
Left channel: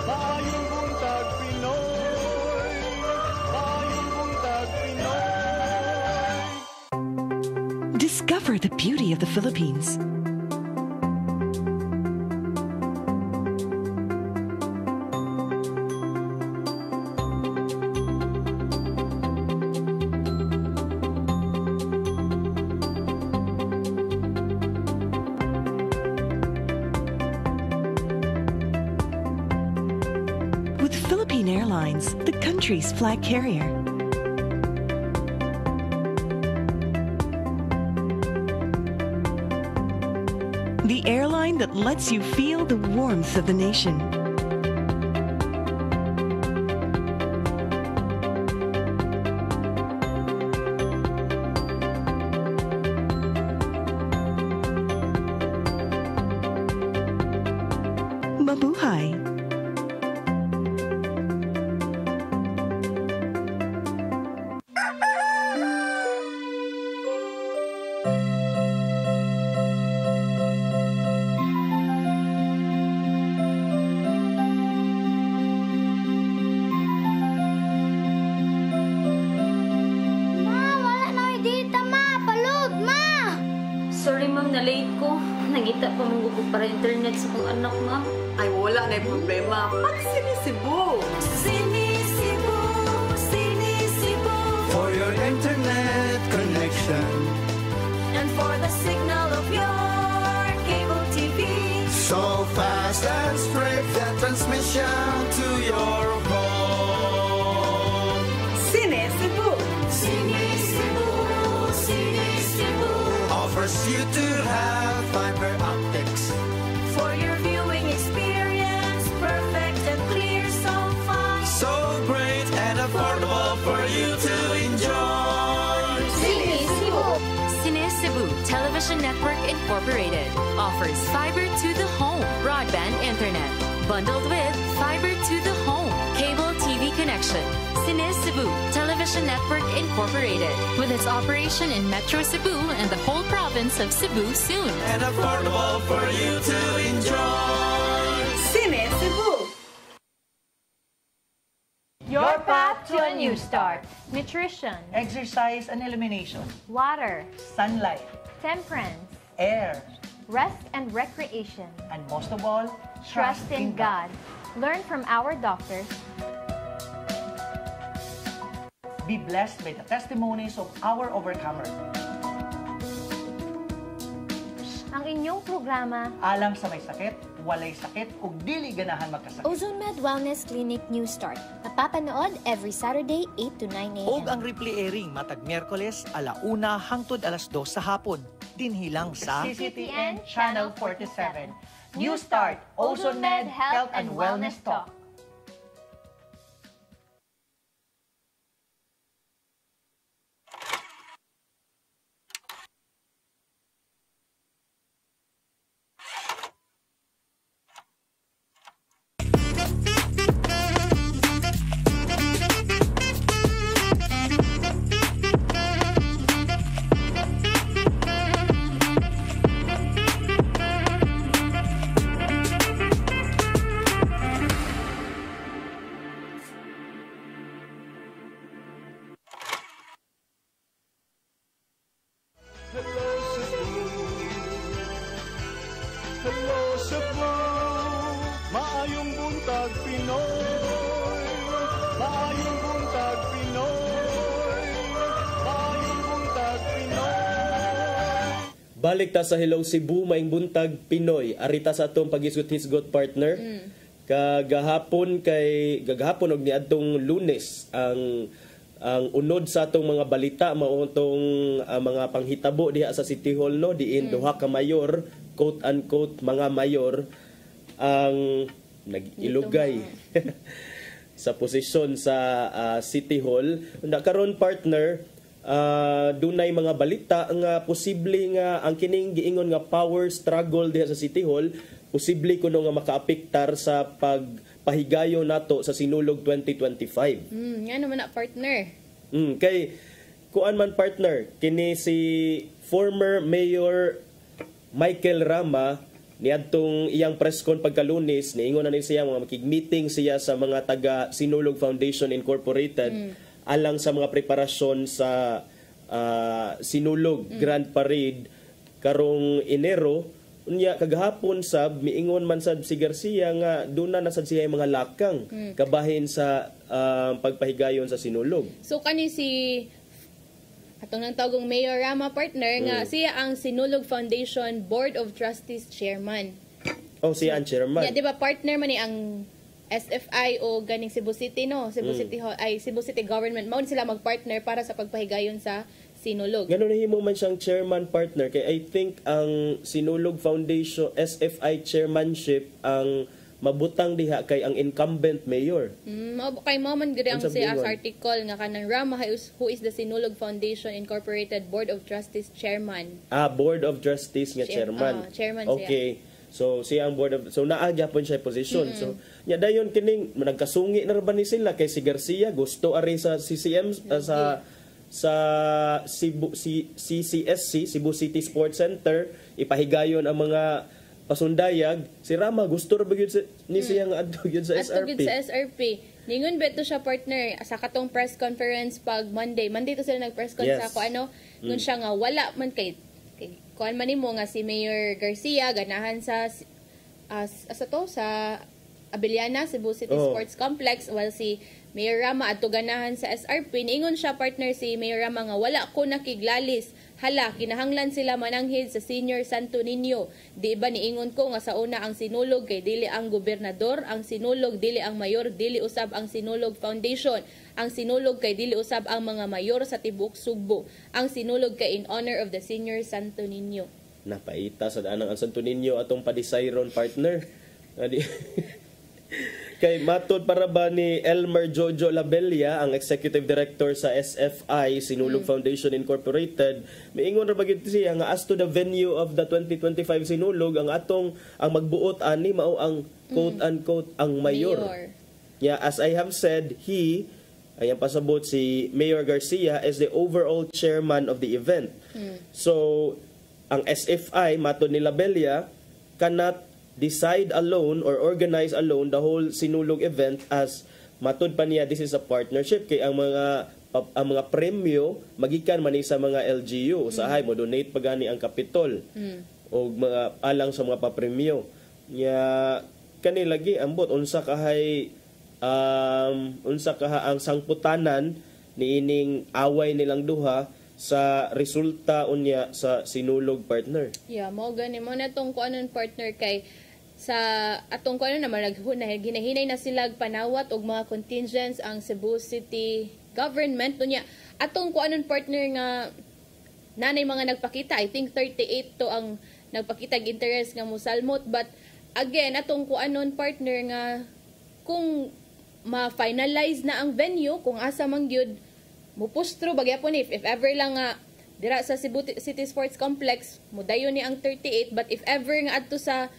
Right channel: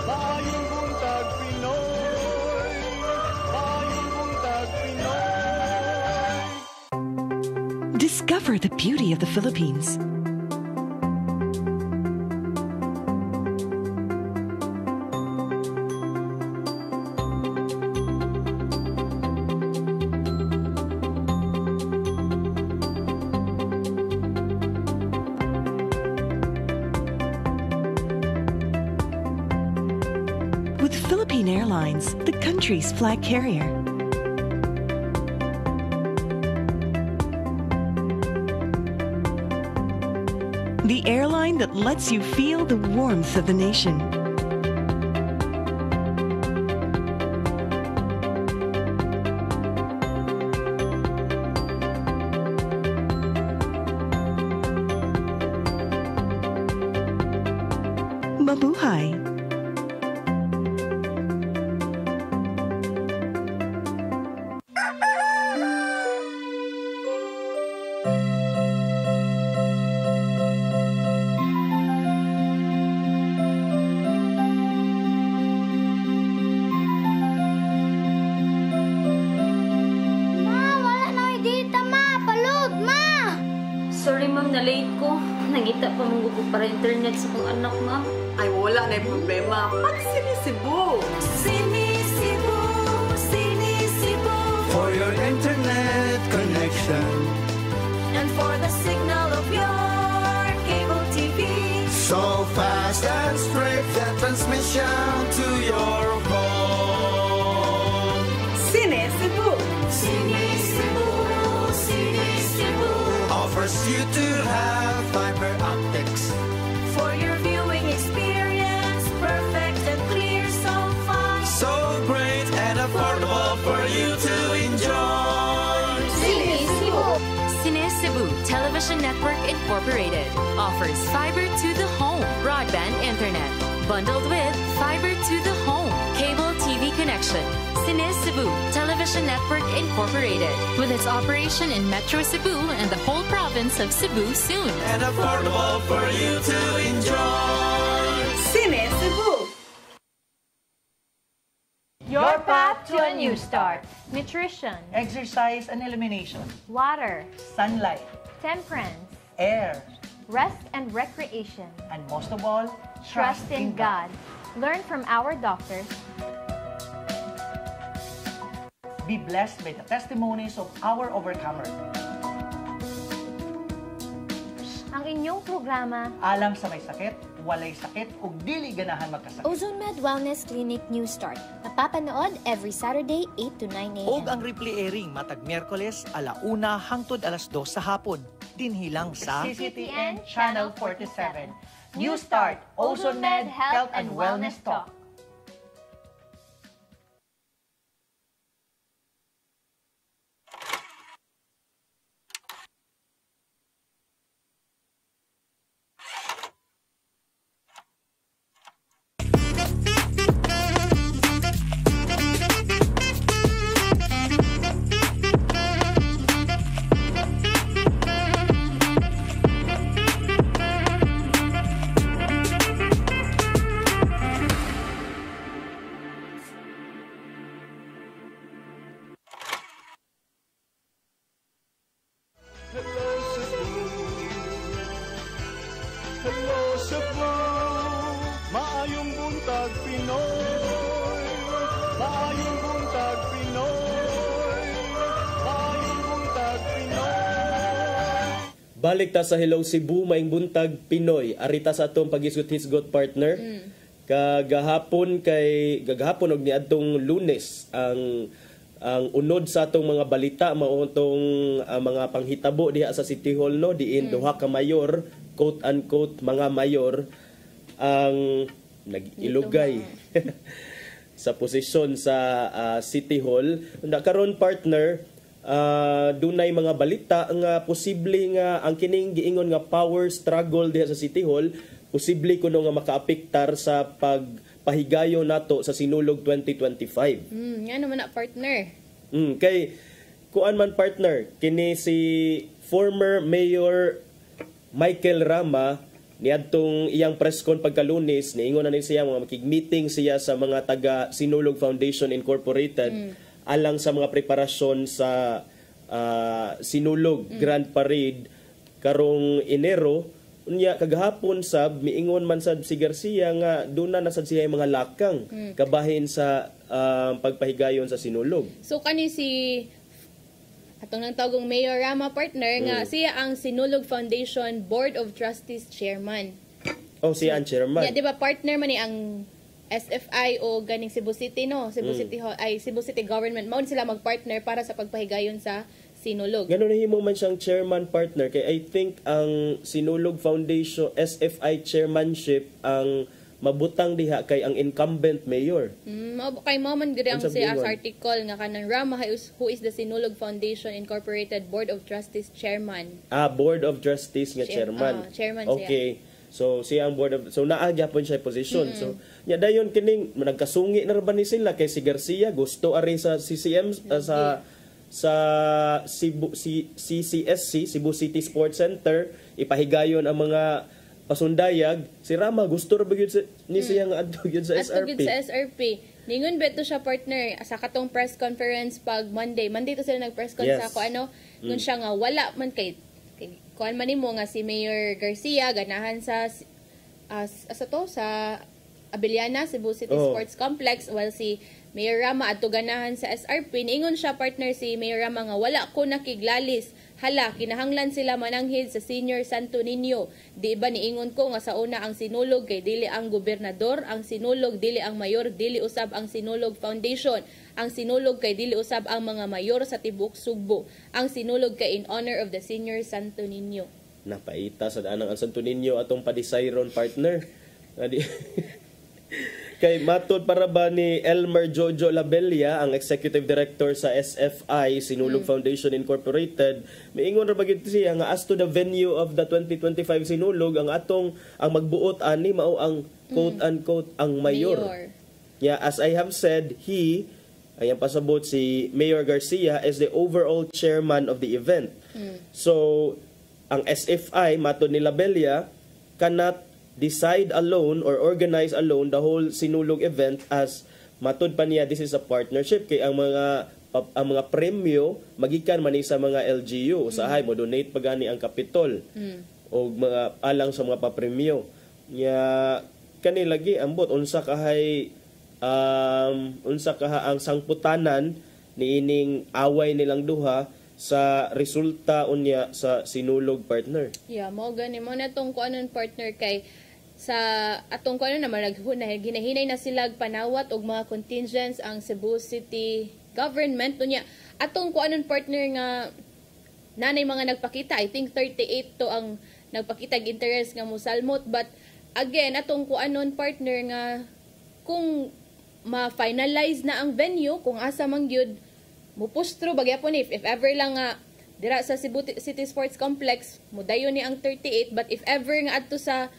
maayong buntag Pinoy, maayong buntag Pinoy. Discover the beauty of the Philippines. With Philippine Airlines, the country's flag carrier. The airline that lets you feel the warmth of the nation. Mabuhay! Sorry ma'am, na-late ko. Nangita pa mong gusto para internet sa kong anak ma'am. Ay, wala na yung problema. Mag-Sinisibu! Sinisibu, Sinisibu, for your internet connection And for the signal of your cable TV. so fast and straight the transmission to your home. Sinisibu! Sinisibu, Sinisibu offers you to have fiber optics For your viewing experience, perfect and clear so far. so great and affordable for you to enjoy. Sinisibu! Cine Cebu Television Network Incorporated offers fiber to the home broadband internet bundled with fiber to the home cable TV connection. Cine Cebu Television Network Incorporated with its operation in Metro Cebu and the whole province of Cebu soon. And affordable for you to enjoy. Sinisibu! Your path to a new start. Nutrition, Exercise and elimination. water, Sunlight. temperance, Air. rest and recreation. And most of all, Trust in God. Learn from our doctors. Be blessed by the testimonies of our overcomers. Ang inyong programa, Alam sa may sakit, walay sakit, ug dili ganahan magkasakit. Ozomed Wellness Clinic New Start. Mapapanood every Saturday 8 to 9 a.m. Og ang replay airing matag Miyerkules 1:00 hangtod 2:00 sa hapon. Dinhilang sa CCTN Channel 47. New Start, Ozomed Health and Wellness Talk. Hello Cebu, maayong buntag Pinoy, maayong buntag Pinoy, maayong buntag Pinoy. Balik ta sa Hello Cebu, maing buntag Pinoy. Arita sa atong pag-isgot-hisgot partner. Kagahapon og niadtong Lunes ang unod sa atong mga balita mao tong mga panghitabo diha sa City Hall no diin duha ka mayor, quote unquote mga mayor ang nag-ilugay sa posisyon sa City Hall. Unda karon partner dunay mga balita nga posible nga ang kining giingon nga power struggle diha sa City Hall posible kuno nga makaapektar sa pagpahigayon nato sa Sinulog 2025. Nga naman na partner. Kay kuan man partner kini si former Mayor Michael Rama niadtong iyang press con pagkalunes niingon na ni siya mga makig-meeting siya sa mga taga Sinulog Foundation Incorporated alang sa mga preparasyon sa Sinulog Grand Parade karong Enero. Unya kagahapon sab miingon man sad si Garcia nga duna na sad siya mga lakang kabahin sa pagpahigayon sa Sinulog. So kani si atong nang tawagong Mayor Rama partner nga siya ang Sinulog Foundation Board of Trustees Chairman. Oh, siya ang chairman. Yeah, di ba partner man ni ang SFI o ganing Cebu City no, Cebu City Cebu City government mao sila magpartner para sa pagpahigayon sa Sinulog. Ganun na himo man siyang chairman partner kay I think ang Sinulog Foundation SFI chairmanship ang mabutang diha kay ang incumbent mayor. Kay mo man gid ang siya sa article nga kanang Rama who is the Sinulog Foundation Incorporated Board of Trustees Chairman. Board of Trustees nga chairman. Chairman okay. Siya. So siya ang board of naagyapon siya position. So nya dayon kining nagkasungi na ba ni sila kay si Garcia gusto ari sa CCM sa CCSC Cebu City Sports Center ipahigayon ang mga pasundayag. Si Rama gusto ra gyud ni siya nga adto gyud sa SRP. Adto gyud sa SRP. Ningon beto siya partner sa katong press conference pag Monday to sila nag-press conference ako ngun siya nga wala man kay kuan man nimo nga si Mayor Garcia ganahan sa Abiliana Cebu City Sports Complex while si Mayor Rama adto ganahan sa SRP. Niingon siya partner si Mayor Rama nga wala ko nakiglalis. Hala, kinahanglan sila mananghid sa Senior Santo Niño. Di ba niingon ko nga sa una ang Sinulog kay dili ang gobernador, ang Sinulog dili ang mayor, dili usab ang Sinulog Foundation. Ang Sinulog kay dili usab ang mga mayor sa tibuok Sugbo. Ang Sinulog kay in honor of the Senior Santo Niño. Napaita sa anang ang Santo Niño atong padisayron partner. Kay matod para ba ni Elmer Jojo Labella, ang Executive Director sa SFI, Sinulog Foundation Incorporated, miingon ra bagid siya nga as to the venue of the 2025 Sinulog, ang magbuot ani mao ang quote-unquote ang mayor. Yeah, as I have said, ayan pasabot si Mayor Garcia is the overall chairman of the event. So, ang SFI, matod ni Labella, cannot decide alone or organize alone the whole Sinulog event as matod pa niya this is a partnership kay ang mga premyo magikan man sa mga LGU usahay mo donate pagani ang kapitol o mga alang sa mga papremyo nya kani lagi ambot unsa kahay ang sangputanan niining away nilang duha sa resulta unya sa Sinulog partner. Yeah, mo gani mo na tong kuanon partner kay sa atong kuanon naman ginahinay na sila panawat og mga contingents ang Cebu City government unya atong kuanon partner nga nanay mga nagpakita. I think 38 to ang nagpakita og interest nga mosalmot but again atong kuanon partner nga kung ma-finalize na ang venue kung asa man gyud mupustro bagyapon if ever lang nga dira sa Cebu City Sports Complex mudayon ni ang 38 but if ever nga adto sa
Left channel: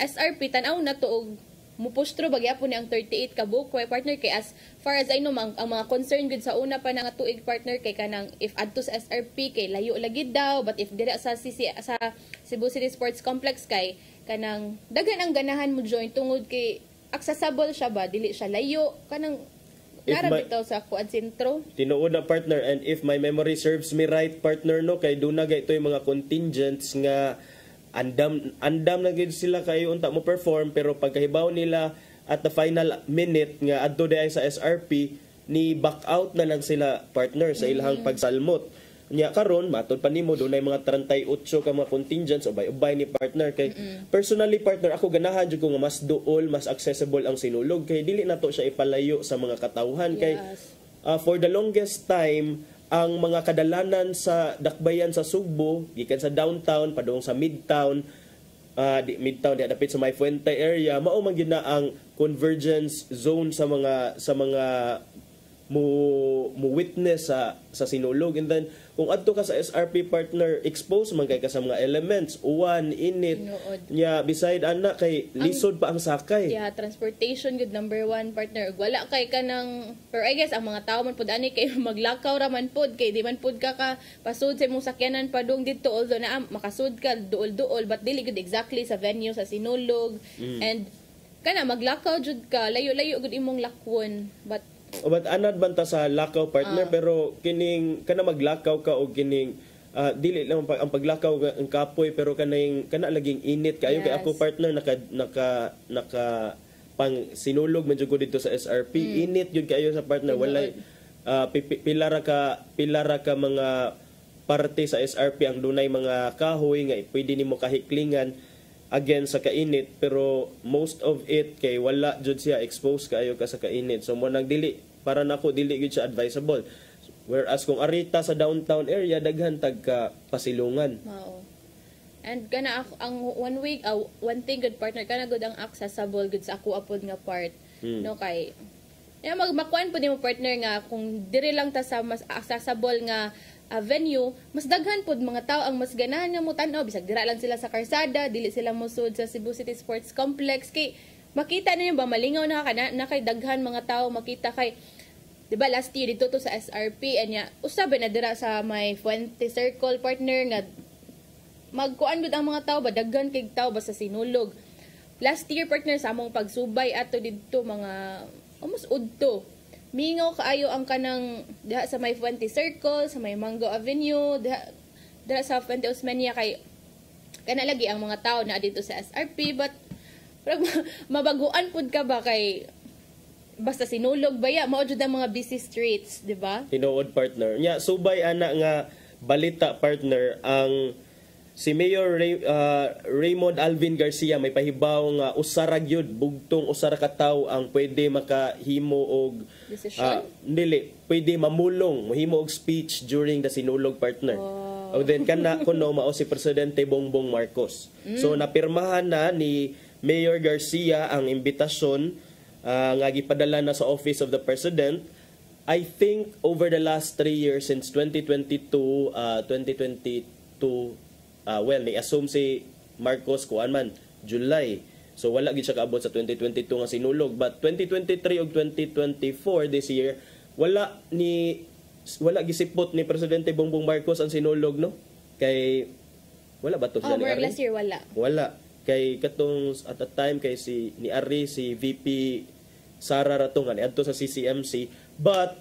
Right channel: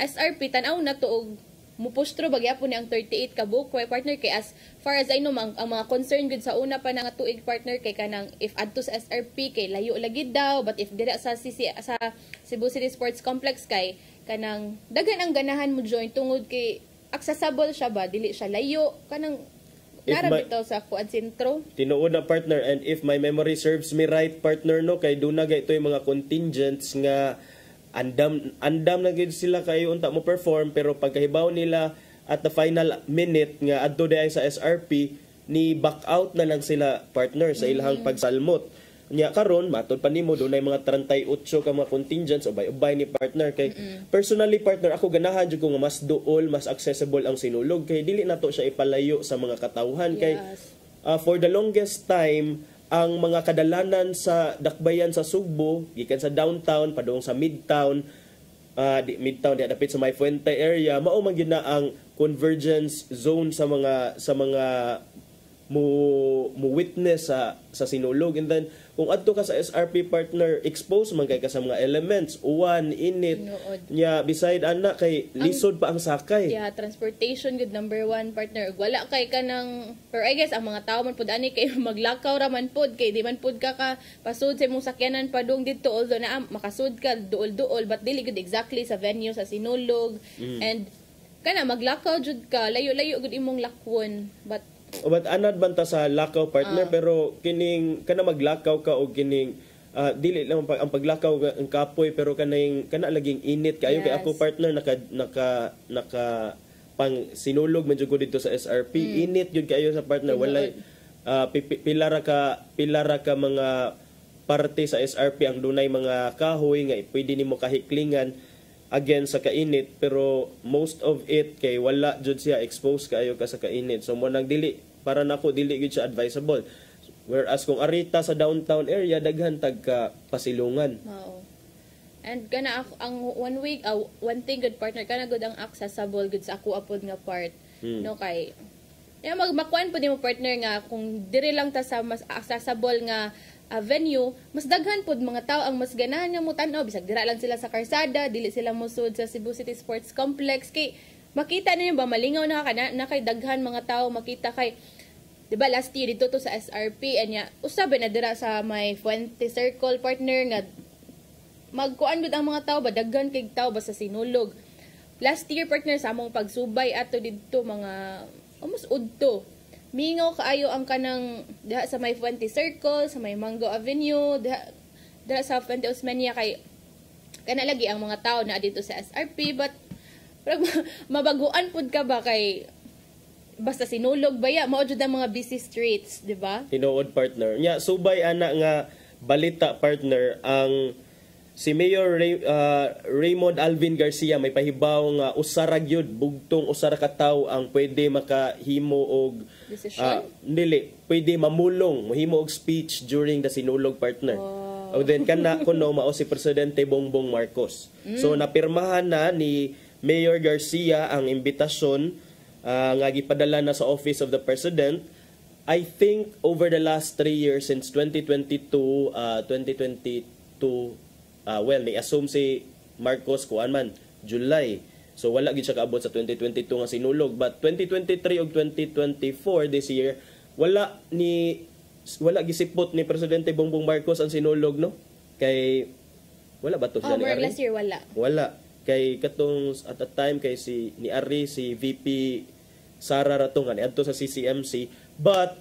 SRP tanaw na to og mupustro bagyapon ni ang 38 ka book partner kay as far as I know ang mga concern gud sa una pa nga tuig partner kay kanang if adto sa SRP kay layo lagi daw but if dira sa Cebu City Sports Complex kay kanang daghan ang ganahan mo join tungod kay accessible siya ba dili siya layo kanang bitaw sa kuan sentro. Tinuod na partner and if my memory serves me right partner no kay duna gay itoy mga contingents nga andam na gid sila kayo unta mo perform pero pagkahibaw nila at the final minute nga adto diay sa SRP ni back out na lang sila partner sa ilang pagsalmot. Nya karon matod pa nimo dunay mga 38 ka mga contingents ubay ni partner kay personally partner ako ganahan jud ko nga mas duol mas accessible ang Sinulog kay dili nato siya ipalayo sa mga katawhan kay for the longest time ang mga kadalanan sa dakbayan sa Sugbo gikan sa downtown padung sa midtown midtown dapit sa May Fuente area mao man gyud na ang convergence zone sa mga mo witness sa sinulog. And then kung adto ka sa SRP partner, expose man kay ka sa mga elements, uwan, init, nya beside ana kay lisod pa ang sakay. Yeah, transportation good number 1 partner. Wala kay ka ng, pero I guess ang mga tao man pud ani kay maglakaw ra man pud kay di man pud ka pasud sa imong sakyanan padung dito, although na makasud ka duol-duol but dili good exactly sa venue sa sinulog. And kana maglakaw jud ka, layo-layo gud imong lakwon. But anad banta sa lakaw partner, pero kining kana maglakaw ka o kining dili lang ang paglakaw ang kapoy, pero kana laging init kayo. Kay ako partner naka pang sinulog man jud ko dito sa SRP. Init jud kayo sa partner, walay pilara ka mga parte sa SRP ang dunay mga kahoy nga pwede nimo kahiklingan again sa kainit, pero most of it kay wala jud siya exposed kayo ka sa kainit. So mo nang dili para nako dili gid siya advisable. Whereas kung arita sa downtown area daghan tag ka pasilungan. Oo. And kana ang one thing good partner kana good ang accessible good sa ako apod nga part. No kay magmakuan po mo partner nga kung diri lang ta sa mas accessible nga venue, mas daghan pod mga tao ang mas ganahan nga mo tan-aw bisag dira lang sila sa karsada, dili sila musud sa Cebu City Sports Complex kay makita ninyo ba malingaw na kay daghan mga tao makita kay diba last year dito to sa SRP anya usabe na dira sa may Fuente Circle partner nga magkuan gud ang mga tao ba daghan kay tao ba sa sinulog. Last year partner sa among pagsubay ato didto mga almost udto mingaw kaayo ang kanang diha sa may Fuente Circle, sa may Mango Avenue, diha sa Fuente Osmeña kay kana lagi ang mga tao na dito sa SRP, but mabaguan pud ka ba kay basta sinulog baya mao jud ang mga busy streets, di ba? Tinuod partner. Nya subay ana nga balita partner ang si Mayor Raymond Alvin Garcia may pahibaw nga usara gyud bugtong usara ka tawo ang pwede makahimo og pwede mamulong mahimo og speech during the sinulog partner. O then kana kuno mao si Presidente Bongbong Marcos. So napirmahan na ni Mayor Garcia ang imbitasyon nga gipadala na sa Office of the President. I think over the last 3 years since 2022 ni-assume si Marcos kuan man July. So wala gid siya kaabot sa 2022 nga sinulog, but 2023 ug 2024 this year wala gisipot ni Presidente Bongbong Marcos ang sinulog, no? Kay wala ba to siya ni Ari? Last year Wala. Kay katong at the time kay ni Ari si VP Sara Ratongan adto sa CCMC, but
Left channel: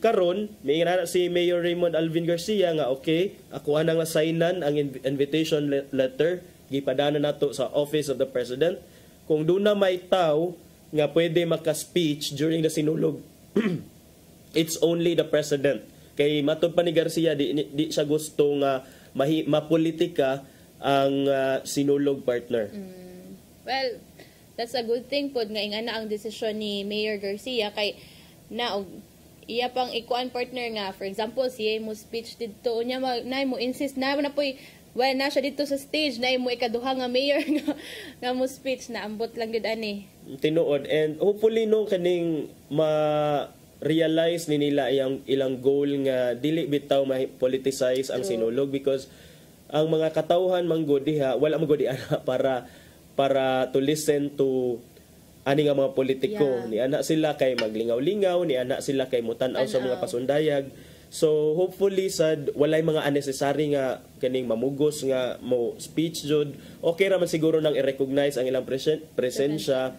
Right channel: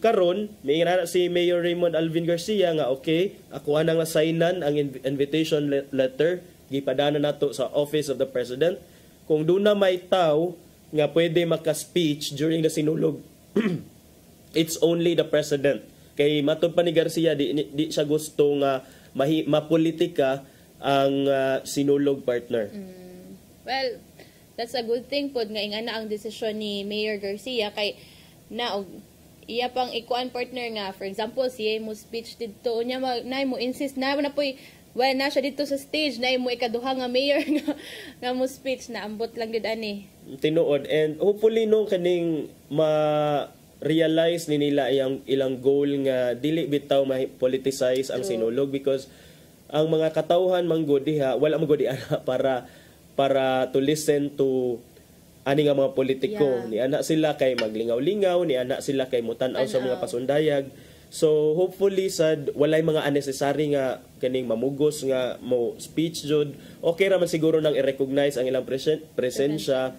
karon may si Mayor Raymond Alvin Garcia nga okay, ako ana nga signan ang invitation letter gipadana nato sa Office of the President. Kung duna may taw nga pwede maka-speech during the sinulog, it's only the President. Kay matud pa ni Garcia di siya gusto nga mapolitika ang sinulog partner. Well, that's a good thing pod nga ingana ang desisyon ni Mayor Garcia kay iya pang ikuan partner nga for example siya mo speech dito nya na mo insist na poy na siya dito sa stage na mo ikaduha nga mayor nga mo speech na ambot lang gid ani tinuod. And hopefully no kaning ma-realize ni nila ilang goal nga dili bitaw ma-politicize ang sinulog, because ang mga katawhan manggod diha wala magud ana para to listen to ani nga mga politiko. Ni ana sila kay maglingaw-lingaw, ni ana sila kay mutan-aw sa mga pasundayag. So hopefully sad walay mga unnecessary nga kaning mamugos nga mo speech jud. Okay ra man siguro nang i-recognize ang ilang presensya.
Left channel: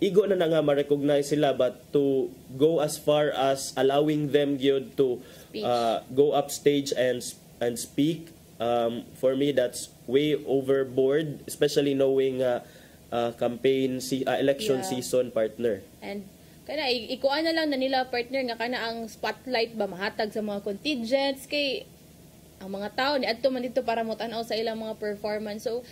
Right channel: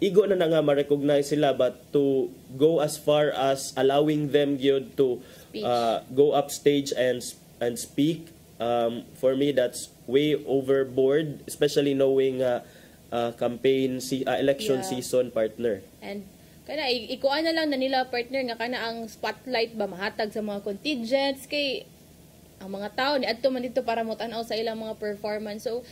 Igo na nga ma-recognize sila, but to go as far as allowing them gyud to go up stage and speak, for me that's way overboard, especially knowing campaign election season partner. And kana ikuan na lang na nila partner nga kana ang spotlight ba mahatag sa mga contingents kay ang mga tao ni adto man dito para motan-aw sa ilang mga performance. So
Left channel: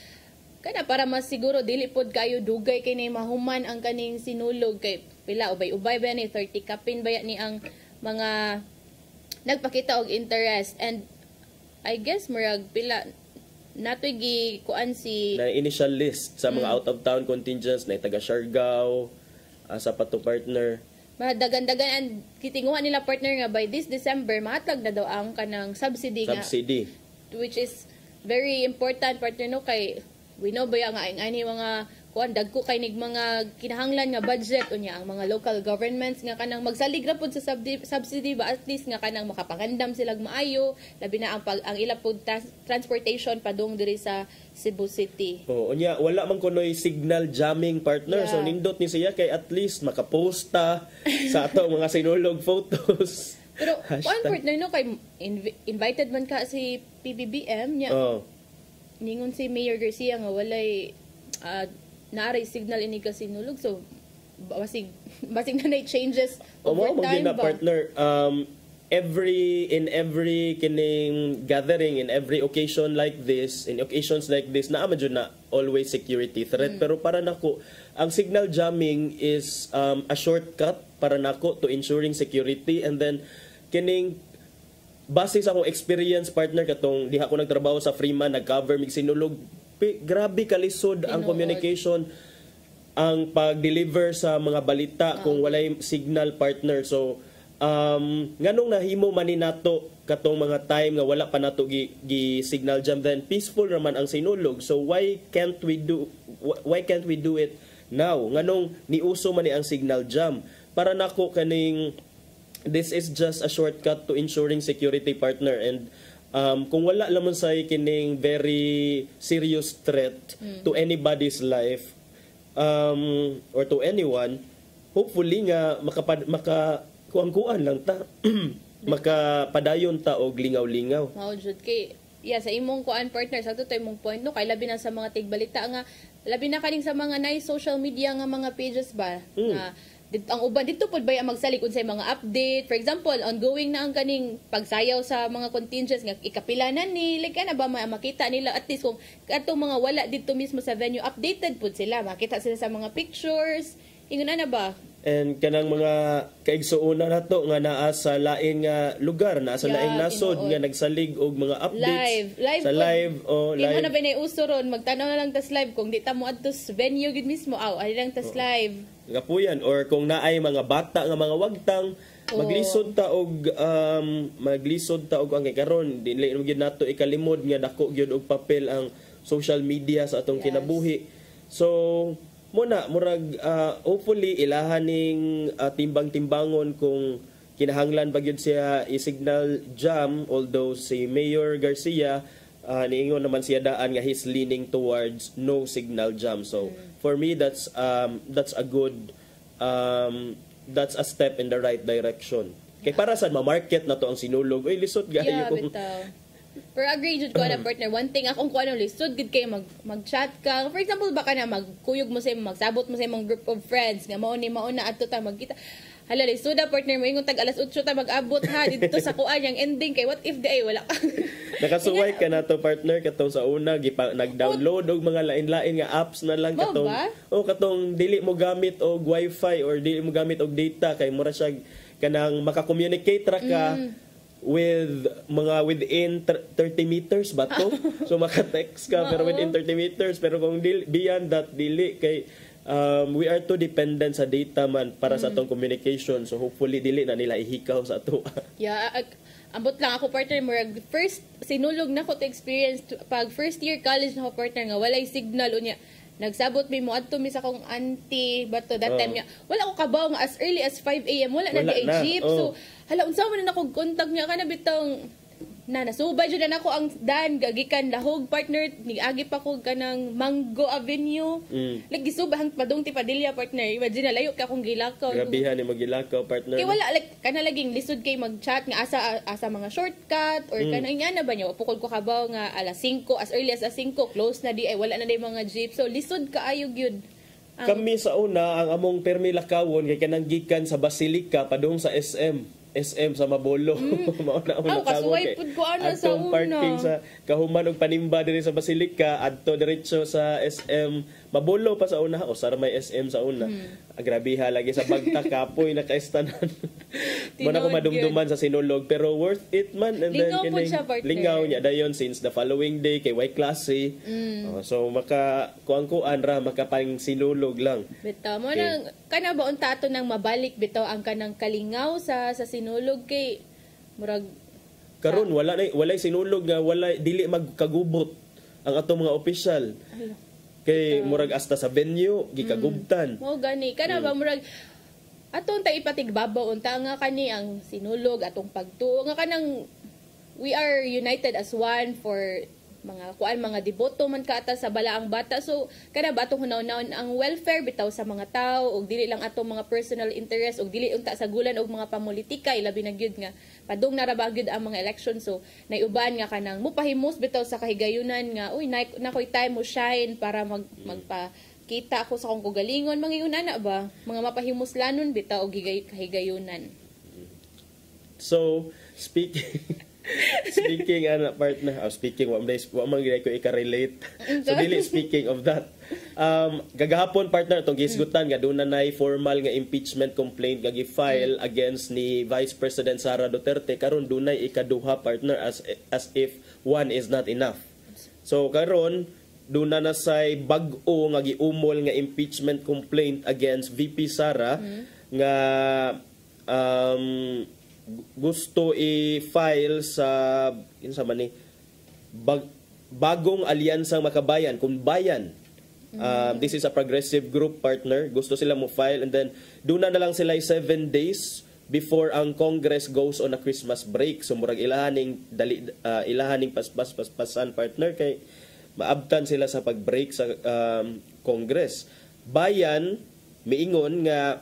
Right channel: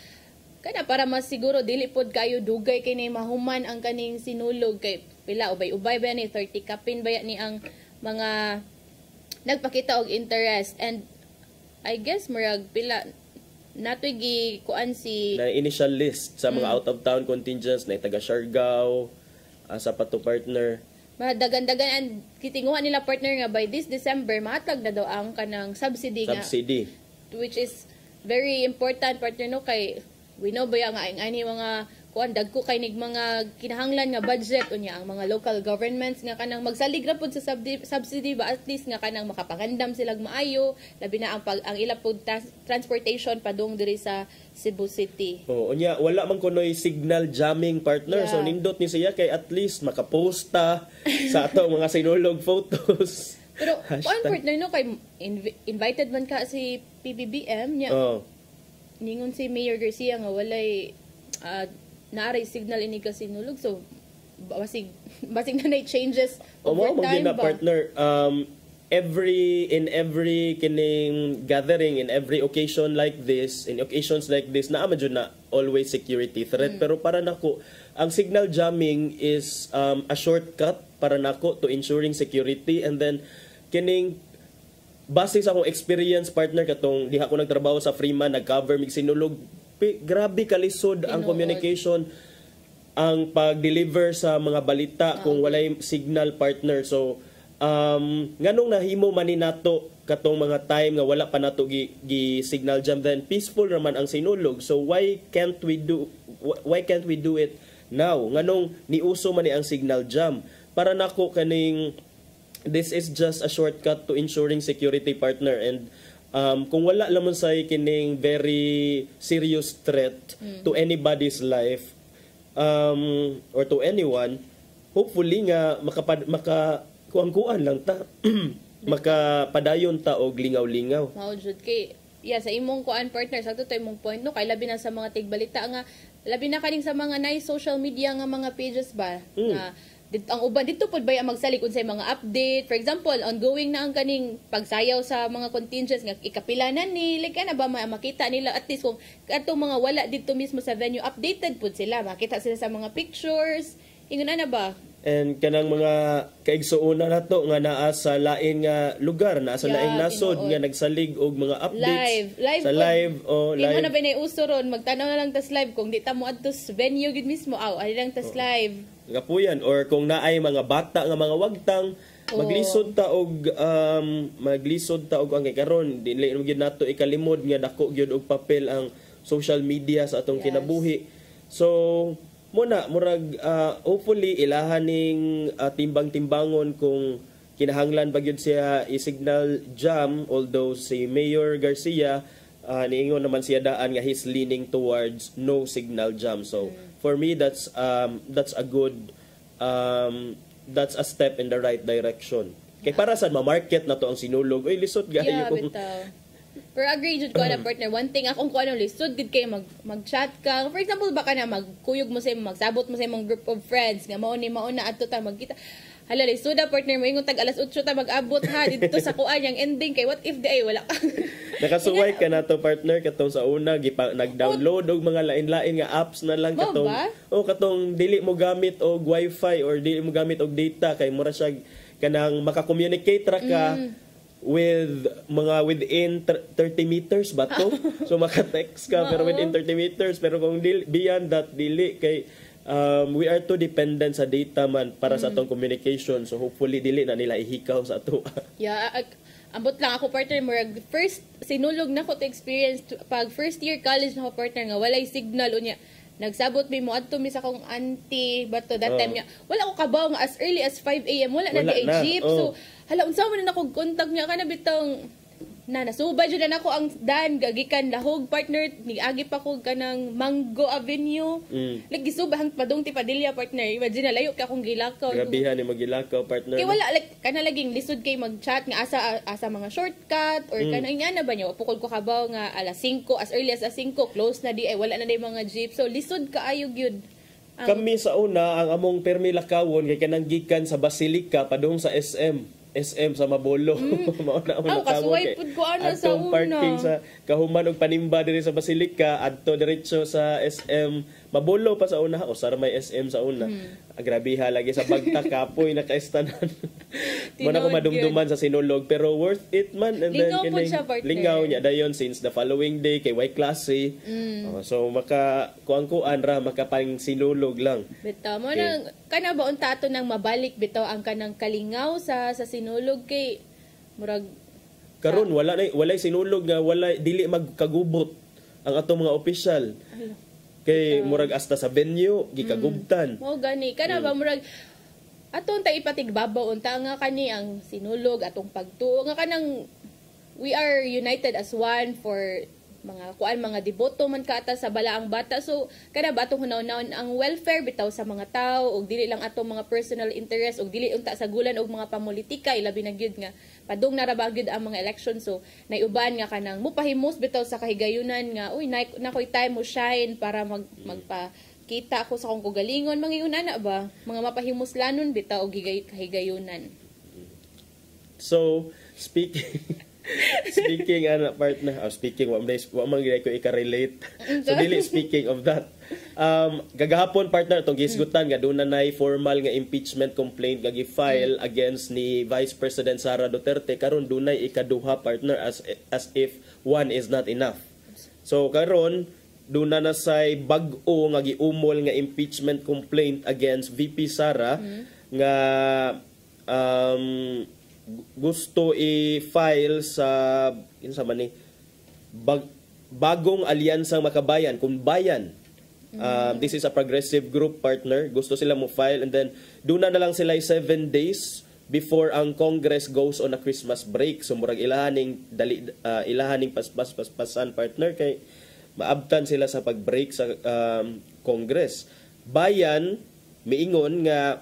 kana para mas siguro dili pod kayo dugay kay ni mahuman ang kaning sinulog kay pila ubay-ubay ba ni 30 kapin ba ni ang mga nagpakita og interest. And I guess murag pila natoy gi kuan si na initial list sa mga out of town contingents na taga Siargao sa pato partner. Madagan-dagan ang kitinguhan nila partner nga by this December mahatag na daw ang kanang subsidy. Which is very important partner no kay we know ba nga ang ani mga kuan dagko kay nig mga kinahanglan nga budget unya ang mga local governments nga kanang magsalig ra pud sa subsidy ba at least nga kanang makapagandam sila maayo labi na ang ila pud transportation padung diri sa Cebu City. Unya wala man kunoy signal jamming partner so nindot ni siya kay at least makaposta sa ato mga sinulog photos. Pero kuan partner no kay invited man ka si PBBM nya. Ningon si Mayor Garcia nga walay naaray signal ini kasi nulog so basig na changes over time ba partner in every kining gathering in every occasions like this na medyo na always security threat pero para nako ang signal jamming is a shortcut para nako to ensuring security and then kining base sa akong experience partner katong diha ko nagtrabaho sa Freeman nag-cover mig sinulog grabe kalisod ang communication ang pag-deliver sa mga balita kung walay signal partner so nganong nahimo man ni nato katong mga time nga wala pa nato gi signal jam then peaceful naman ang sinulog so why can't we do it now nganong niuso man ni ang signal jam para nako kaning this is just a shortcut to ensuring security partner and kung wala lamang sa kining very serious threat to anybody's life or to anyone, hopefully nga makakuan lang ta makapadayon ta og lingaw-lingaw. Mao jud kay sa imong kuan partner sa to imong point no kay labi na sa mga tigbalita nga labi na kaning sa mga social media nga mga pages ba na ang uban dito pud bay magsalig unsay mga update for example ongoing na ang kaning pagsayaw sa mga contingents nga ikapilanan ni like ana ba makita nila at least kung atong mga wala dito mismo sa venue updated pud sila makita sila sa mga pictures ingon ana ba and kanang mga kaigsuonan nato nga naa sa laing nga lugar naa sa laing nasod nga nagsalig og mga updates live imo na ba nay uso ron magtanaw na lang tas live kung di ta mo adto sa venue gid mismo ali lang tas live gapuyan or kung naay mga bata nga mga wagtang maglisod ta og ang karon dili mo gyud nato ikalimod nga dako gyud og papel ang social media sa atong kinabuhi so muna murag hopefully ilahan ning timbang-timbangon kung kinahanglan ba gyud siya i-signal jam although si Mayor Garcia niingon naman siya daan nga he's leaning towards no signal jam so for me that's a good that's a step in the right direction kay para sa ma-market na to ang sinulog oy lisod gayo pero agree jud ko na partner one thing akong ko ano lisod gid kay mag-chat ka for example baka na magkuyog mo sa magsabot mo sa imong group of friends nga mao na adto ta magkita hala lisod partner mo ingon tag alas 8 ta mag-abot ha dito sa kuan yang ending kay what if di ay wala nakasuway ka na to partner katong sa una nag-download og mga lain-lain nga apps na lang katong katong dili mo gamit og wifi or dili mo gamit og data kay mura siya kanang maka-communicate ra ka with mga within 30 meters ba to so maka-text ka pero within 30 meters pero kung beyond that dili kay we are too dependent sa data man para sa atong communication so hopefully dili na nila ihikaw sa ato ambot lang ako partner murag first sinulog na ko to experience pag first year college na ko partner nga walay signal unya nagsabot mi mo adto mi sa akong auntie bato that time niya wala ko kabaw nga as early as 5 AM wala na di jeep so hala unsa man na akong contact niya kana bitong nasubay jud na ako ang dan gagikan lahog partner ni agi pa ko kanang Mango Avenue like gisubahang padung ti Padilla partner imagine layo ka akong gilakaw gabihan ni magilakaw partner kay wala like kana laging lisod kay mag-chat nga asa mga shortcut or kana ingana ba niya pukol ko kabaw nga alas 5 as early as 5 close na di ay wala na day mga jeep so lisod kaayo gyud kami sa una ang among permi lakawon kay kanang gikan sa Basilica padung sa SM sa Mabolo. Mauna ako nakawag kay atong parking sa kahuman og panimba diri sa Basilica adto diretso sa SM mabulo pa sa una, o sar may SM sa una. Grabiha lagi sa bagta kapoy naka-estanan. Muna ko madumduman sa sinulog pero worth it man. And Lingaw then po siya, partner. lingaw niya dayon since the following day kay Y klase. So maka kuan ra makapang sinulog lang. Bitaw mo nang kana ba unta ato nang mabalik bitaw ang kanang kalingaw sa sinulog kay murag karon walay sinulog nga walay dili magkagubot ang atong mga opisyal. Kay murag hasta sa venue gikagubtan. Mo gani kana ba murag atong ta ipatigbabaw unta nga kani ang sinulog atong pagtuo nga kanang we are united as one for mga deboto man kaata sa balaang bata. So kada ba atong hunahunahon ang welfare bitaw sa mga tao ug dili lang atong mga personal interest ug dili unta sa gulan og mga pamulitika ilabi na gyud nga padung na ra ba gyud ang mga election. So naiuban nga kanang mupahimos bitaw sa kahigayunan nga uy nakoy time mo shine para magpakita ako sa akong kagalingon mga na ba mga mapahimuslanon bitaw og kahigayunan. So speaking partner, speaking wa man gyud ko i-relate. So dili speaking of that. Gagahapon partner tong gisgutan nga doon na nay formal nga impeachment complaint nga gi-file against ni Vice President Sara Duterte karon dunay ikaduha partner as if one is not enough. So karon doon na say bag-o nga giumol nga impeachment complaint against VP Sara nga gusto i-file sa bagong alyansang makabayan kung bayan. This is a progressive group partner. Gusto sila mo file and then doon na lang sila 7 days before ang Congress goes on a Christmas break. So murag ilahaning paspasan partner kay maabtan sila sa pag-break sa Congress. Bayan miingon nga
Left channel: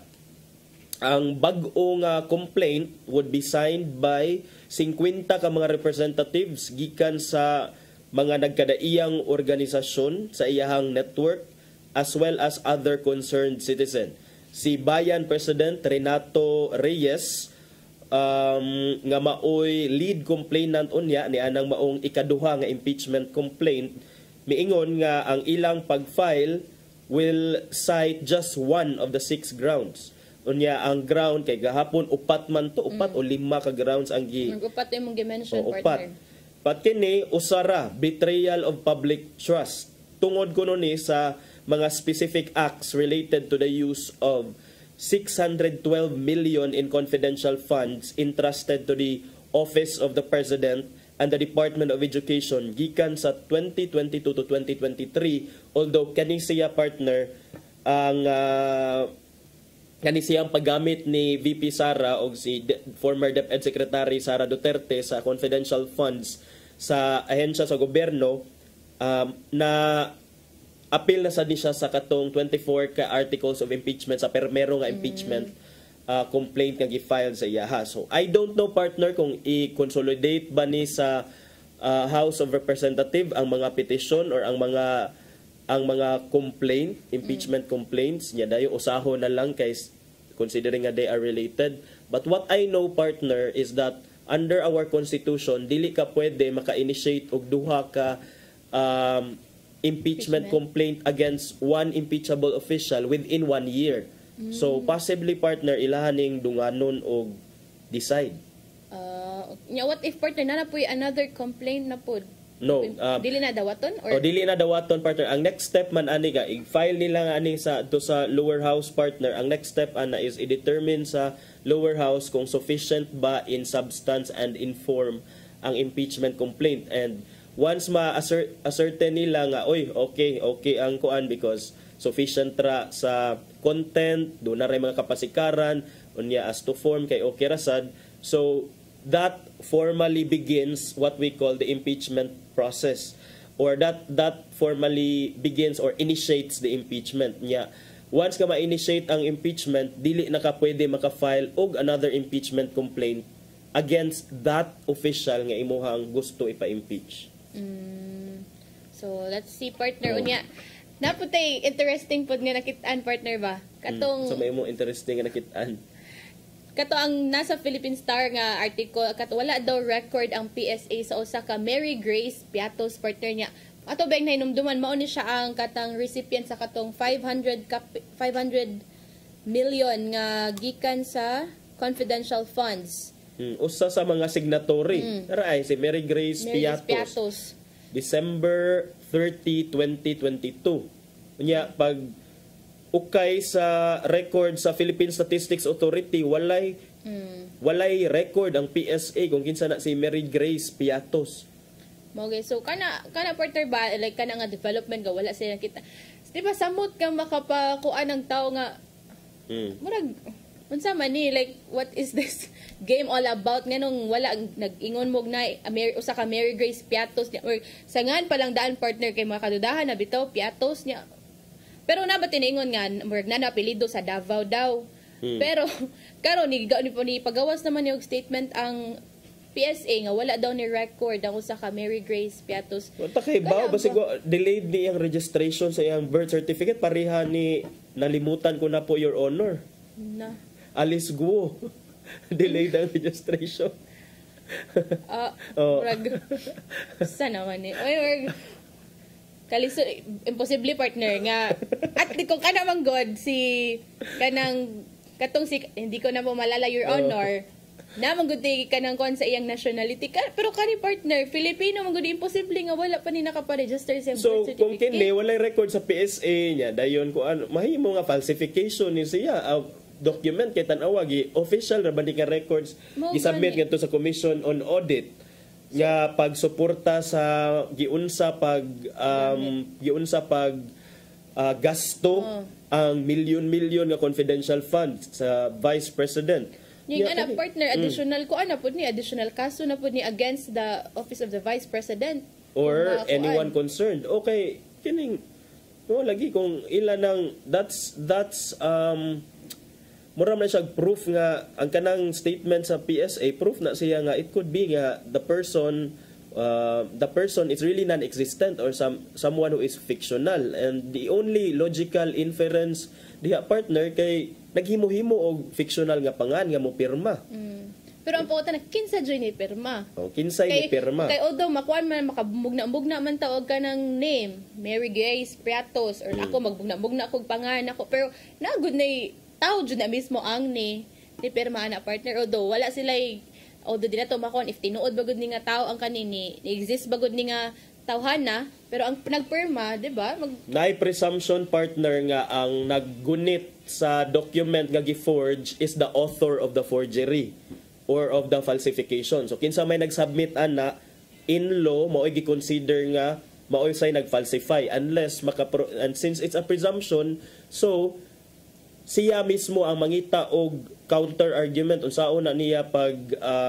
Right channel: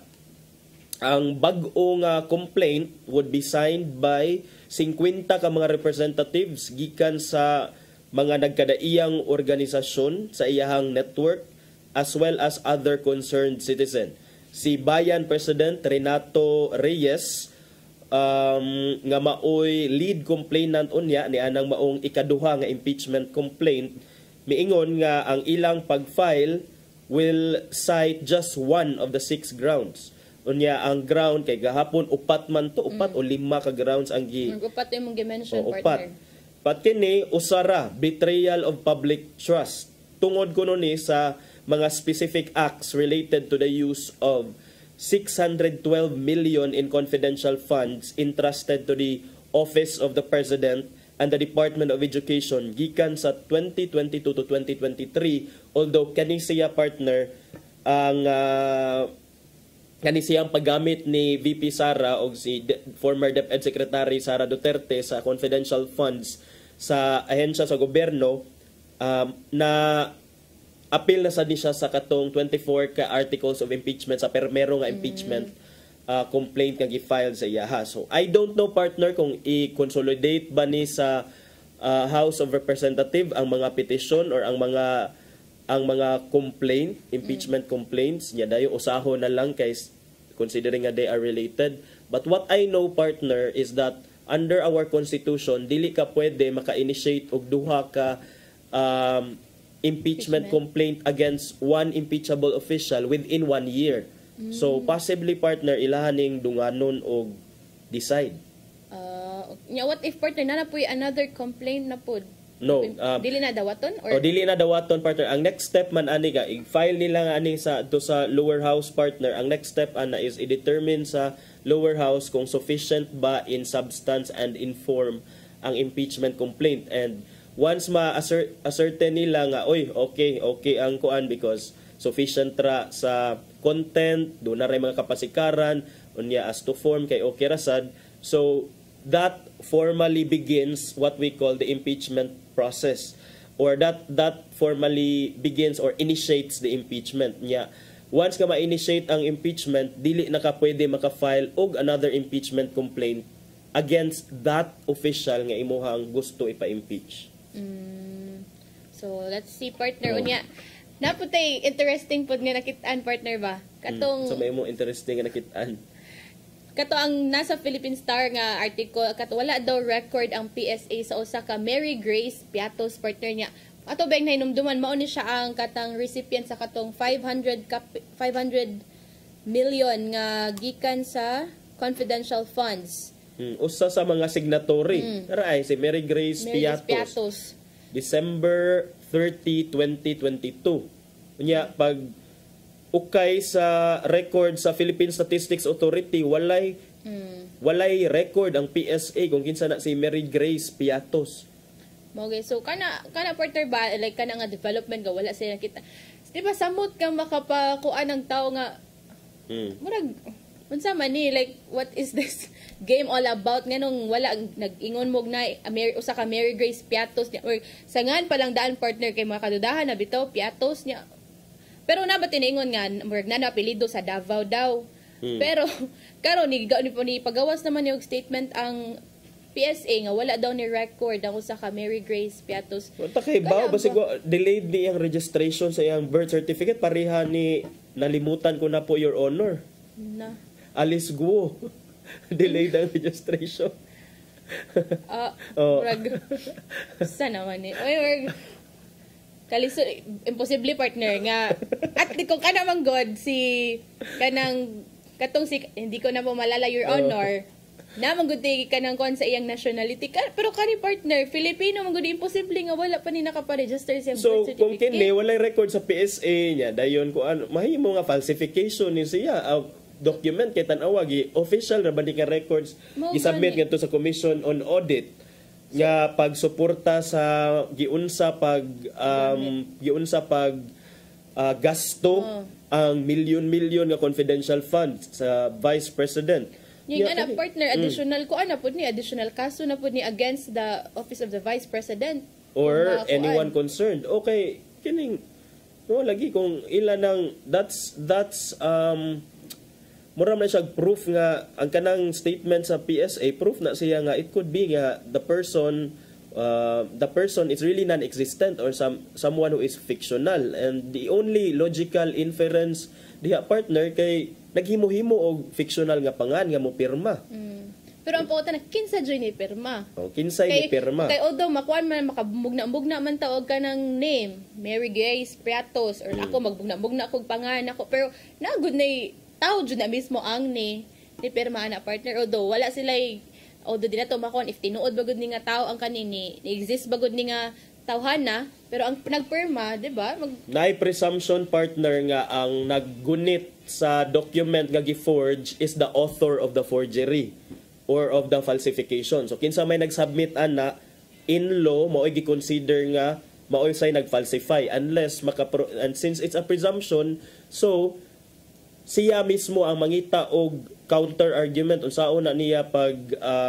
ang bag-o nga complaint would be signed by 50 ka mga representatives gikan sa mga nagkadaiyang organisasyon sa iyahang network as well as other concerned citizen. Si Bayan President Renato Reyes nga maoy lead complainant unya ni anang maong ikaduha nga impeachment complaint miingon nga ang ilang pag-file will cite just one of the 6 grounds. Unya ang ground kay gahapon upat man to, upat o 5 ka grounds ang upat imong gi-mention partner. Pat kini usara betrayal of public trust. Tungod kuno ni sa mga specific acts related to the use of 612 million in confidential funds entrusted to the Office of the President and the Department of Education gikan sa 2022 to 2023, although kani siya partner ang siyang paggamit ni VP Sara o si former DepEd Secretary Sara Duterte sa confidential funds sa ahensya sa gobyerno na appeal na sad ni siya sa katong 24 ka articles of impeachment sa permero nga impeachment complaint nga gi-file sa iyaha. So I don't know partner kung i-consolidate ba ni sa House of Representative ang mga petition or ang mga complaint, impeachment complaints niya dayo usaho na lang kay considering nga they are related. But what I know partner is that under our constitution dili ka pwede maka-initiate og duha ka impeachment complaint against one impeachable official within 1 year. So possibly partner ilahaning dunganon og decide. What if partner na po'y another complaint na pod? No. Dili na dawaton or dili na dawaton partner. Ang next step man ani ga i-file nila nga ani sa lower house partner. Ang next step ana is i-determine sa lower house kung sufficient ba in substance and in form ang impeachment complaint. And once ma-ascertain nila nga okay ang kuan because sufficient ra sa content, do na ray mga kapasikaran unya as to form kay okay ra sad. So that formally begins what we call the impeachment process, or that formally begins or initiates the impeachment niya. Once ka ma-initiate ang impeachment, dili na ka pwede maka-file og another impeachment complaint against that official nga imuhang gusto ipa-impeach. So let's see partner unya. Naputay interesting pod nga nakit-an partner ba? Katong So may mo interesting nga nakit-an. Kato ang nasa Philippine Star nga article, kato wala daw record ang PSA sa usa ka Mary Grace Piatos partner niya. ato ba yung hinumduman mao ni siya ang katang recipient sa katong 500 million nga gikan sa confidential funds. Usa sa mga signatory. Ay si Mary Grace Piatos. December 30, 2022. Unya pag ukay sa record sa Philippine Statistics Authority walay record ang PSA kung kinsa na si Mary Grace Piatos. Okay, so kana partner ba like kana nga development ga wala sila kita. Di ba samot ka makapakuan ng tao nga murag unsa man ni like what is this game all about nganong wala nag-ingon mo na usa ka Mary Grace Piatos niya or sangan pa lang daan partner kay mga kadudahan na bitaw Piatos niya. Pero na ba tiningon nga murag na apelyido sa Davao daw. Pero karon ni pagawas naman yung statement ang PSA nga wala daw ni record ako sa ka Mary Grace Piatos. Takay ba basig delayed ni ang registration sa iyang birth certificate pareha ni nalimutan ko na po your honor. Na. Alice Guo. Delayed ang registration. Sa naman ni. Kaliso imposible partner nga at di ko kana man god si kanang katong si hindi ko na mo malala your honor. Na manggudi ka ng kon sa iyang nationality pero kani partner Filipino manggudi imposible nga wala pa ni nakaparegister sa birth certificate. Kung kini walay record sa PSA niya dayon ko ano mahimo nga falsification ni siya document kay tan-awa gi official ra ba ka records gi-submit ngadto sa Commission on Audit nga pagsuporta sa giunsa pag gasto ang milyon-milyon nga confidential funds sa Vice President. Yung anak partner, additional ko, additional kaso na po ni against the Office of the Vice President. Or anyone concerned. Okay, kining, lagi kung ilan ng, that's mura na siya proof nga, ang kanang statement sa PSA, proof na siya nga, it could be nga, the person is really non-existent or someone who is fictional. And the only logical inference diha partner kay naghimo-himo og fictional nga pangan nga mo pirma. Pero ang pauta na kinsa joy ni pirma. Kinsa ni pirma. Kay although makuan man makabugna man taog ka ng name, Mary Grace Piatos or ako magbugna kog pangan ako pero nagud na tao jud na mismo ang ni pirma ana partner although wala sila although di na to makuan if tinuod bagud ni nga tao ang kanini exist bagud ni nga tawhana pero ang nagpirma di ba nay presumption partner nga ang naggunit sa document nga gi-forge is the author of the forgery or of the falsification. So kinsa may nag-submit ana in law mao gi-consider nga mao say nag-falsify unless and since it's a presumption so siya mismo ang mangita og counter argument unsaon na niya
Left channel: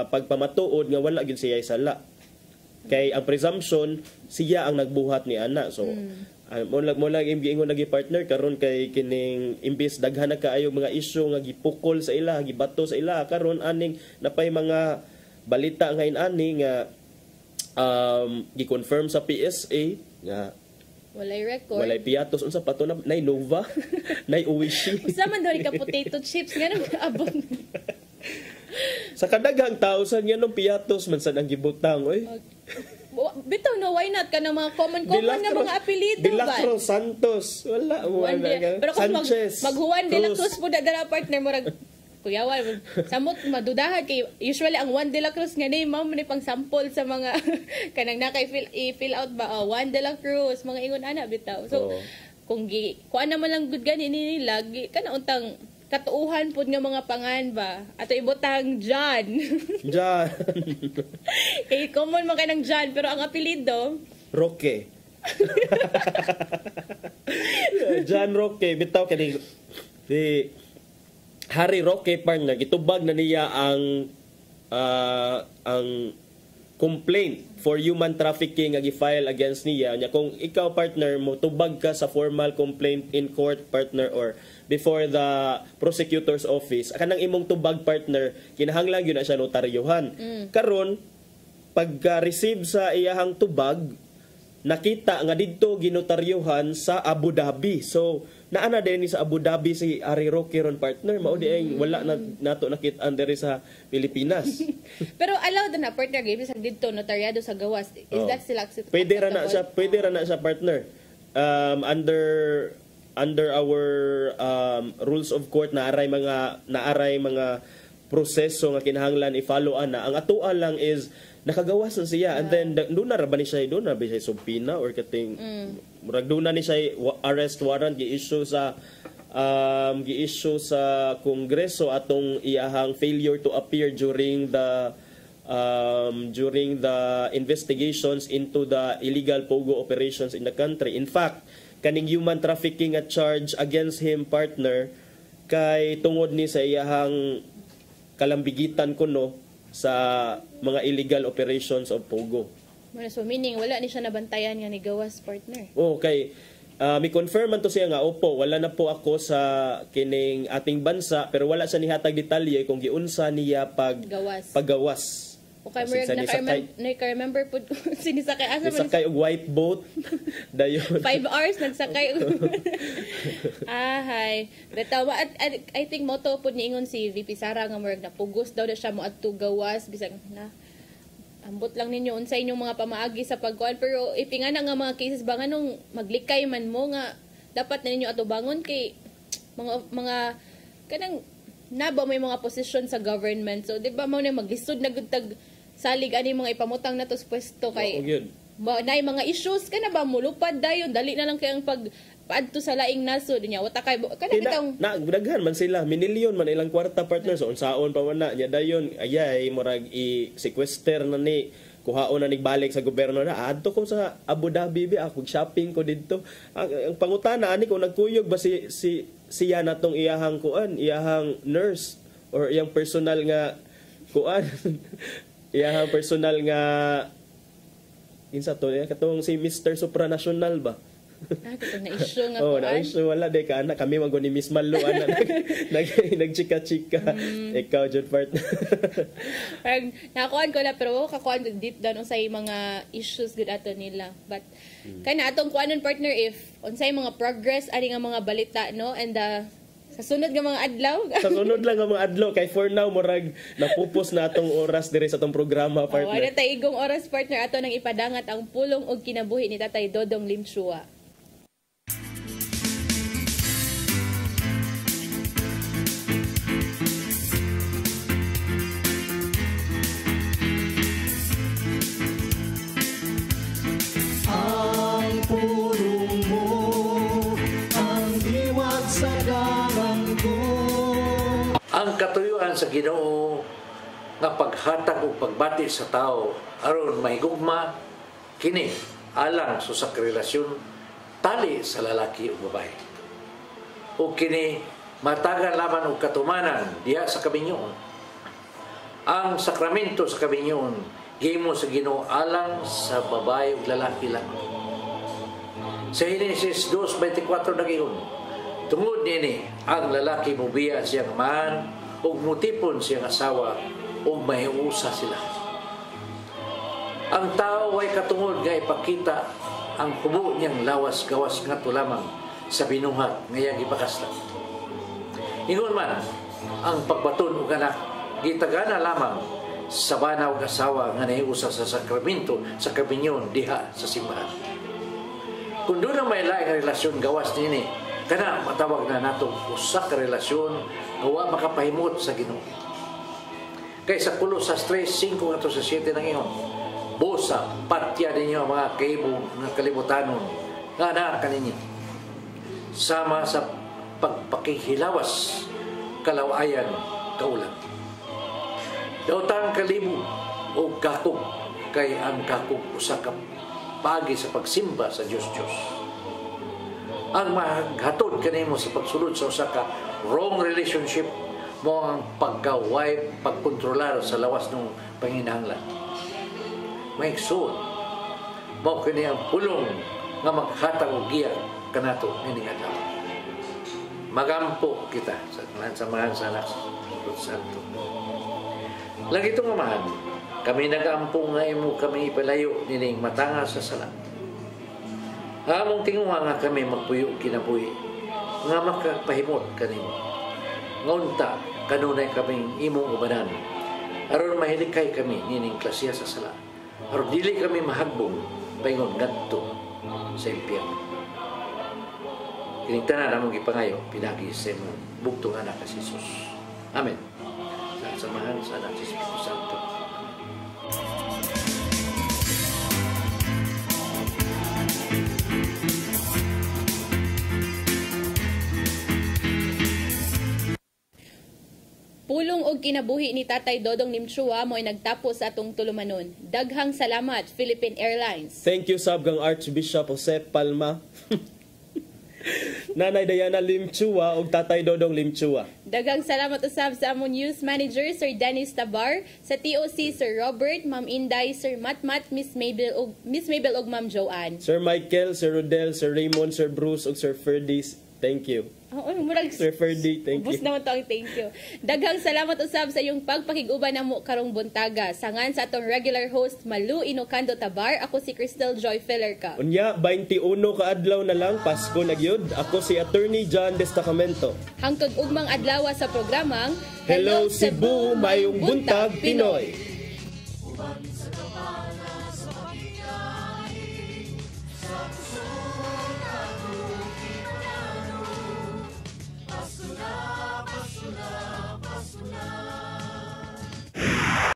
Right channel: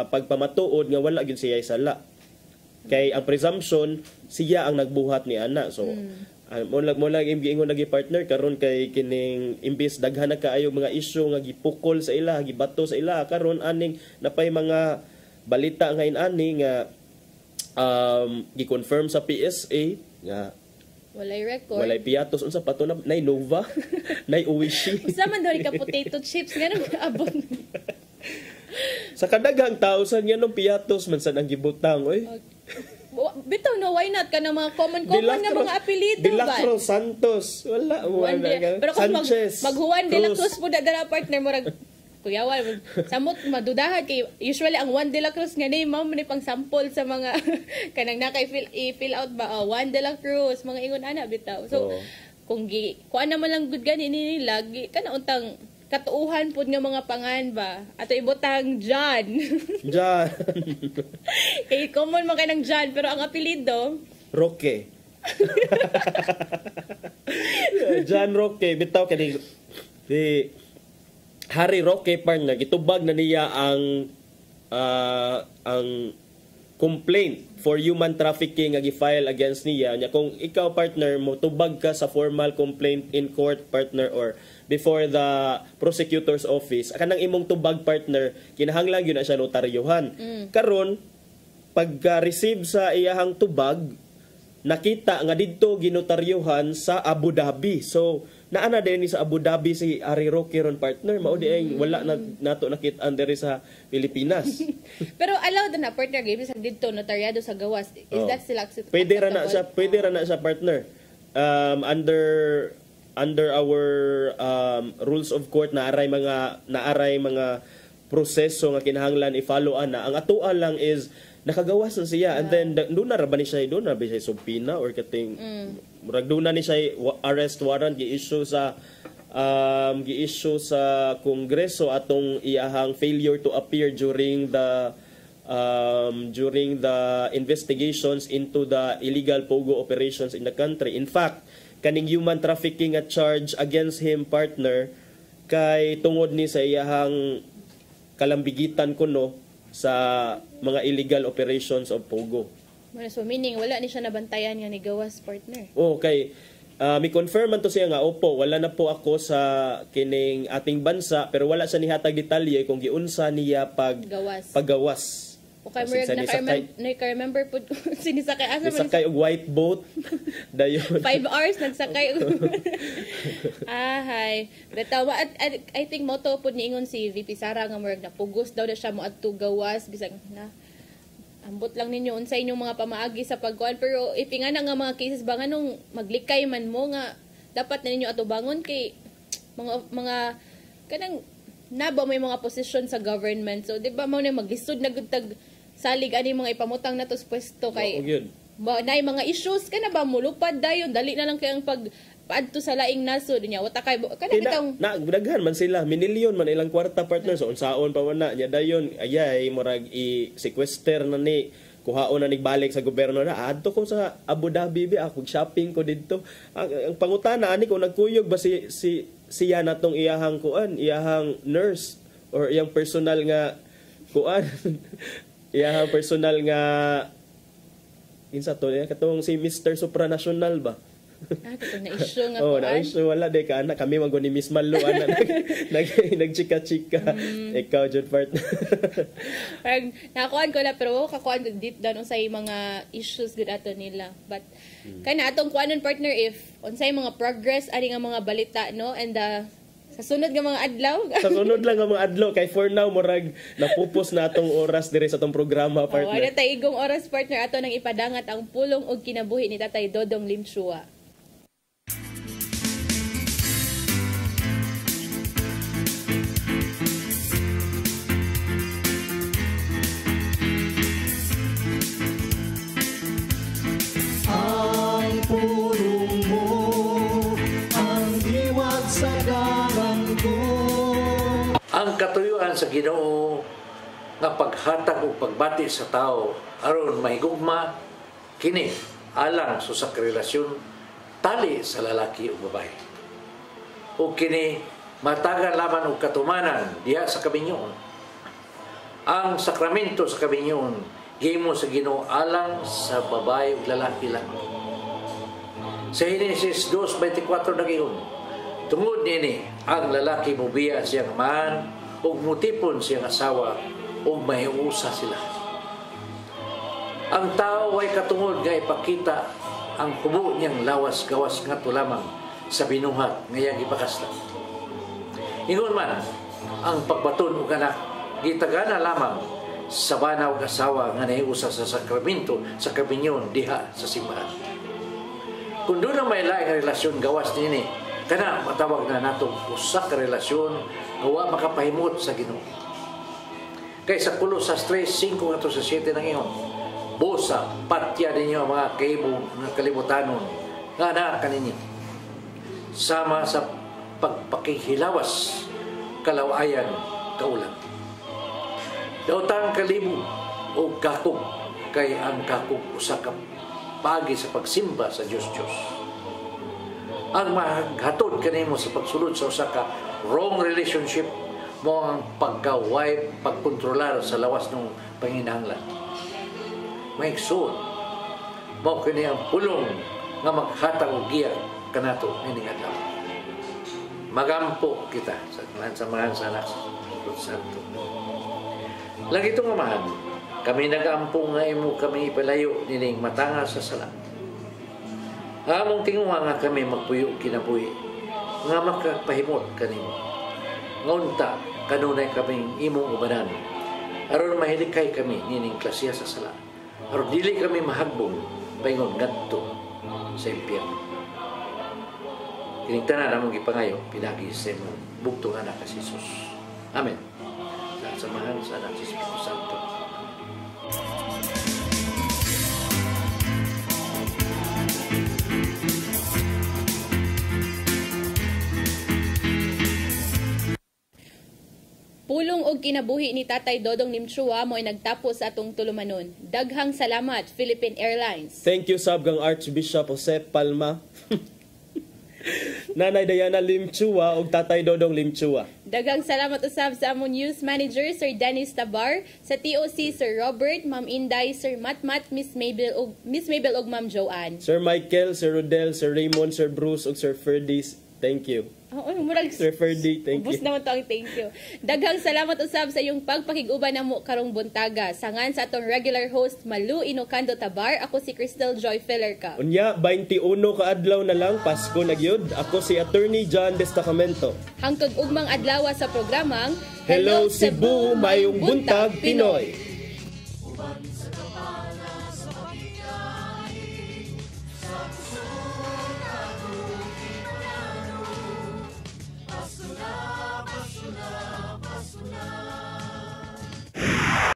pagpamatuod nga wala gyud siya sala. Kay ang presumption siya ang nagbuhat ni ana. So mo lang giingon lagi partner karon kay kining imbis daghan na kaayo mga isyu nga gipukol sa ila, gibato sa ila karon aning napay mga balita ngayon ani nga gi-confirm sa PSA nga walay record. Walay Piatos unsa pa to na nay Nova, nay Uwishi. Sa man daw ka potato chips ganun abot. Sa kadaghang tausan nga nung Piatos man sad ang gibutang oy. Bitaw no why not kana mga common nga mga apelyido ba? Dilacro Santos wala pero kung maghuwan de la Cruz po dala partner mo rag kuyawan samot madudahan kay usually ang Juan de la Cruz nga name mao man pang sample sa mga kanang nakay fill out ba Juan de la Cruz mga ingon ana bitaw so kung kuan naman lang good gani nila kana untang katuuhan pud nga mga pangan ba ato ibutang John kay common man kanang John pero ang apelyido Roque John Roque bitaw kani Harry Roque partner gitubag na niya ang complaint for human trafficking nga gi-file against niya kung ikaw partner mo tubag ka sa formal complaint in court partner or before the prosecutor's office kanang imong tubag partner kinahanglan gyud na siya notaryohan karon pagka receive sa iyahang tubag nakita nga didto ginotaryuhan sa Abu Dhabi. So naana din sa Abu Dhabi si Ari Roque ron partner, mao di ay wala na nato nakit under sa Pilipinas. Pero allowed na partner gyud sa didto notaryado sa gawas. Is that still acceptable? Pwede ra na sa partner. Under our rules of court naaray mga proseso nga kinahanglan i-follow ana. Ang atoa lang is nakagawas na siya and then doon na ba ni siya subpina or kating murag doon na ni siya arrest warrant gi-issue sa Kongreso atong iyahang failure to appear during the investigations into the illegal pogo operations in the country. In fact, kaning human trafficking at charge against him partner kay tungod ni sa iyahang kalambigitan kuno sa mga illegal operations of pogo. So meaning wala ni siya nabantayan nga ni gawas partner. Okay. Mi confirm man to siya nga opo, wala na po ako sa kining ating bansa pero wala sa nihatag detalye kung giunsa niya paggawas. Okay, naka-remember po sinisakay asa man sakay og white boat dayon 5 hours nagsakay. Hay. Datawa at I think moto po niingon si VP Sara nga murag napugos daw na siya mo adto gawas bisag na ambot lang ninyo unsay inyong mga pamaagi sa pagkuan pero ipingana nga mga cases ba nganong maglikay man mo nga dapat na ninyo ato bangon kay mga kanang naba may mga posisyon sa government. So di ba mo na maglisod na gutag salig ani mga ipamutang nato sa pwesto kay nay mga issues kana ba mulupad dayon dali na lang kay ang paadto sa laing nasod niya wata kay kana bitong daghan man sila minilyon man ilang kwarta partner so unsaon pa wana nya dayon ayay murag i-sequester na ni kuhaon na nigbalik sa gobyerno na adto ko sa Abu Dhabi ako shopping ko didto ang pangutana ani ko nagkuyog ba siya natong iyahang nurse or iyang personal nga iyahang personal nga insa to katong si Mr. Supranational ba na-issue nga na-issue wala de ka anak kami maguni Miss Malu ana nagchika-chika ikaw jud partner nakuan ko na pero kakuan deep down unsay mga issues gud ato nila but kana atong kuanon partner if unsay mga progress ani nga mga balita no and sa sunod nga mga adlaw sa sunod lang nga mga adlaw kay for now murag napupos na atong oras dire sa atong programa partner wala tay igong oras partner ato nang ipadangat ang pulong og kinabuhi ni Tatay Dodong Limshua. Sa Ginoo nga paghatag o pagbati sa tao aron mahigugma kini alang sa relasyon tali sa lalaki o babae o kini matagan laman og katumanan diha sa kabinyoon. Ang sakramento sa kabinyoon gihimo sa Ginoo alang sa babae ug lalaki lang. Sa Genesis 2:24 nagiyon tungod nini ang lalaki mobiya siyang man ug mutipon siyang asawa ug mahiusa sila. Ang tao ay katungod nga ipakita ang kubo niyang lawas-gawas ngadto lamang sa binuhat nga iyang gipakaslan. Ingon man ang pagbaton og anak gitagana lamang sa bana ug asawa nga nahiusa sa sakramento sa kabinyon diha sa simbahan. Kung doon ang may laing relasyon gawas nini kana matawag na nato usa ka relasyon nga wa makapahimot sa Ginoo. Kay sa 3:5 ngadto sa 7 nang iyon busa patya ninyo ang mga nga kalibutanon nga naa kaninyo sama sa pagpakihilawas kalawayan kaulan. Daotang kalibo o kakog kay ang kakog usa ka pagi sa pagsimba sa Diyos. Ang maghatod kanimo sa pagsulod sa usa ka wrong relationship mo ang pagka-wife, pagkontrolar sa lawas ng panginahanglan. Maigsoon mo kini ang pulong nga maghatag og giya kanato nining adlaw. Magampo kita sa mga sanas santo. Lagi itong amahan, kami nagampo nga imo kami ipalayo nining matanga sa sala. Among tinguha nga kami magpuyo kinabuhi nga makapahimot kanimo. Ngunta kanunay kaming imong ubanan. Aron mahilikay kami nining klasya sa sala. Aron dili kami mahagbong paingon ngadto sa impyerno. Kining tanan among gipangayo pinagi sa imong bugtong anak si Jesus. Amen. Sa samahan sa anak si Espiritu Santo. Pulong og kinabuhi ni Tatay Dodong Nimchua mo ay nagtapos sa atong tulumanon. Daghang salamat, Philippine Airlines. Thank you sab kang Archbishop Jose Palma. Nanay Diana Limchua ug Tatay Dodong Limchua. Daghang salamat usab sa among news manager Sir Dennis Tabar, sa TOC Sir Robert, Ma'am Inday, Sir Matmat, Miss Mabel ug Ma'am Joanne. Sir Michael, Sir Rodel, Sir Raymond, Sir Bruce ug Sir Ferdis. Thank you. Murag Sir Ferdy, thank you. Bus naman to ang thank you. Daghang salamat usab sa iyong pagpakiguban namo karong buntaga. Sangan sa atong regular host Malu Inocando Tabar, ako si Crystal Joy Fellerca. Unya 21 ka adlaw na lang Pasko na gyud. Ako si Attorney John Destacamento. Hangtod ugmang adlaw sa programang Hello Cebu, mayong buntag Pinoy.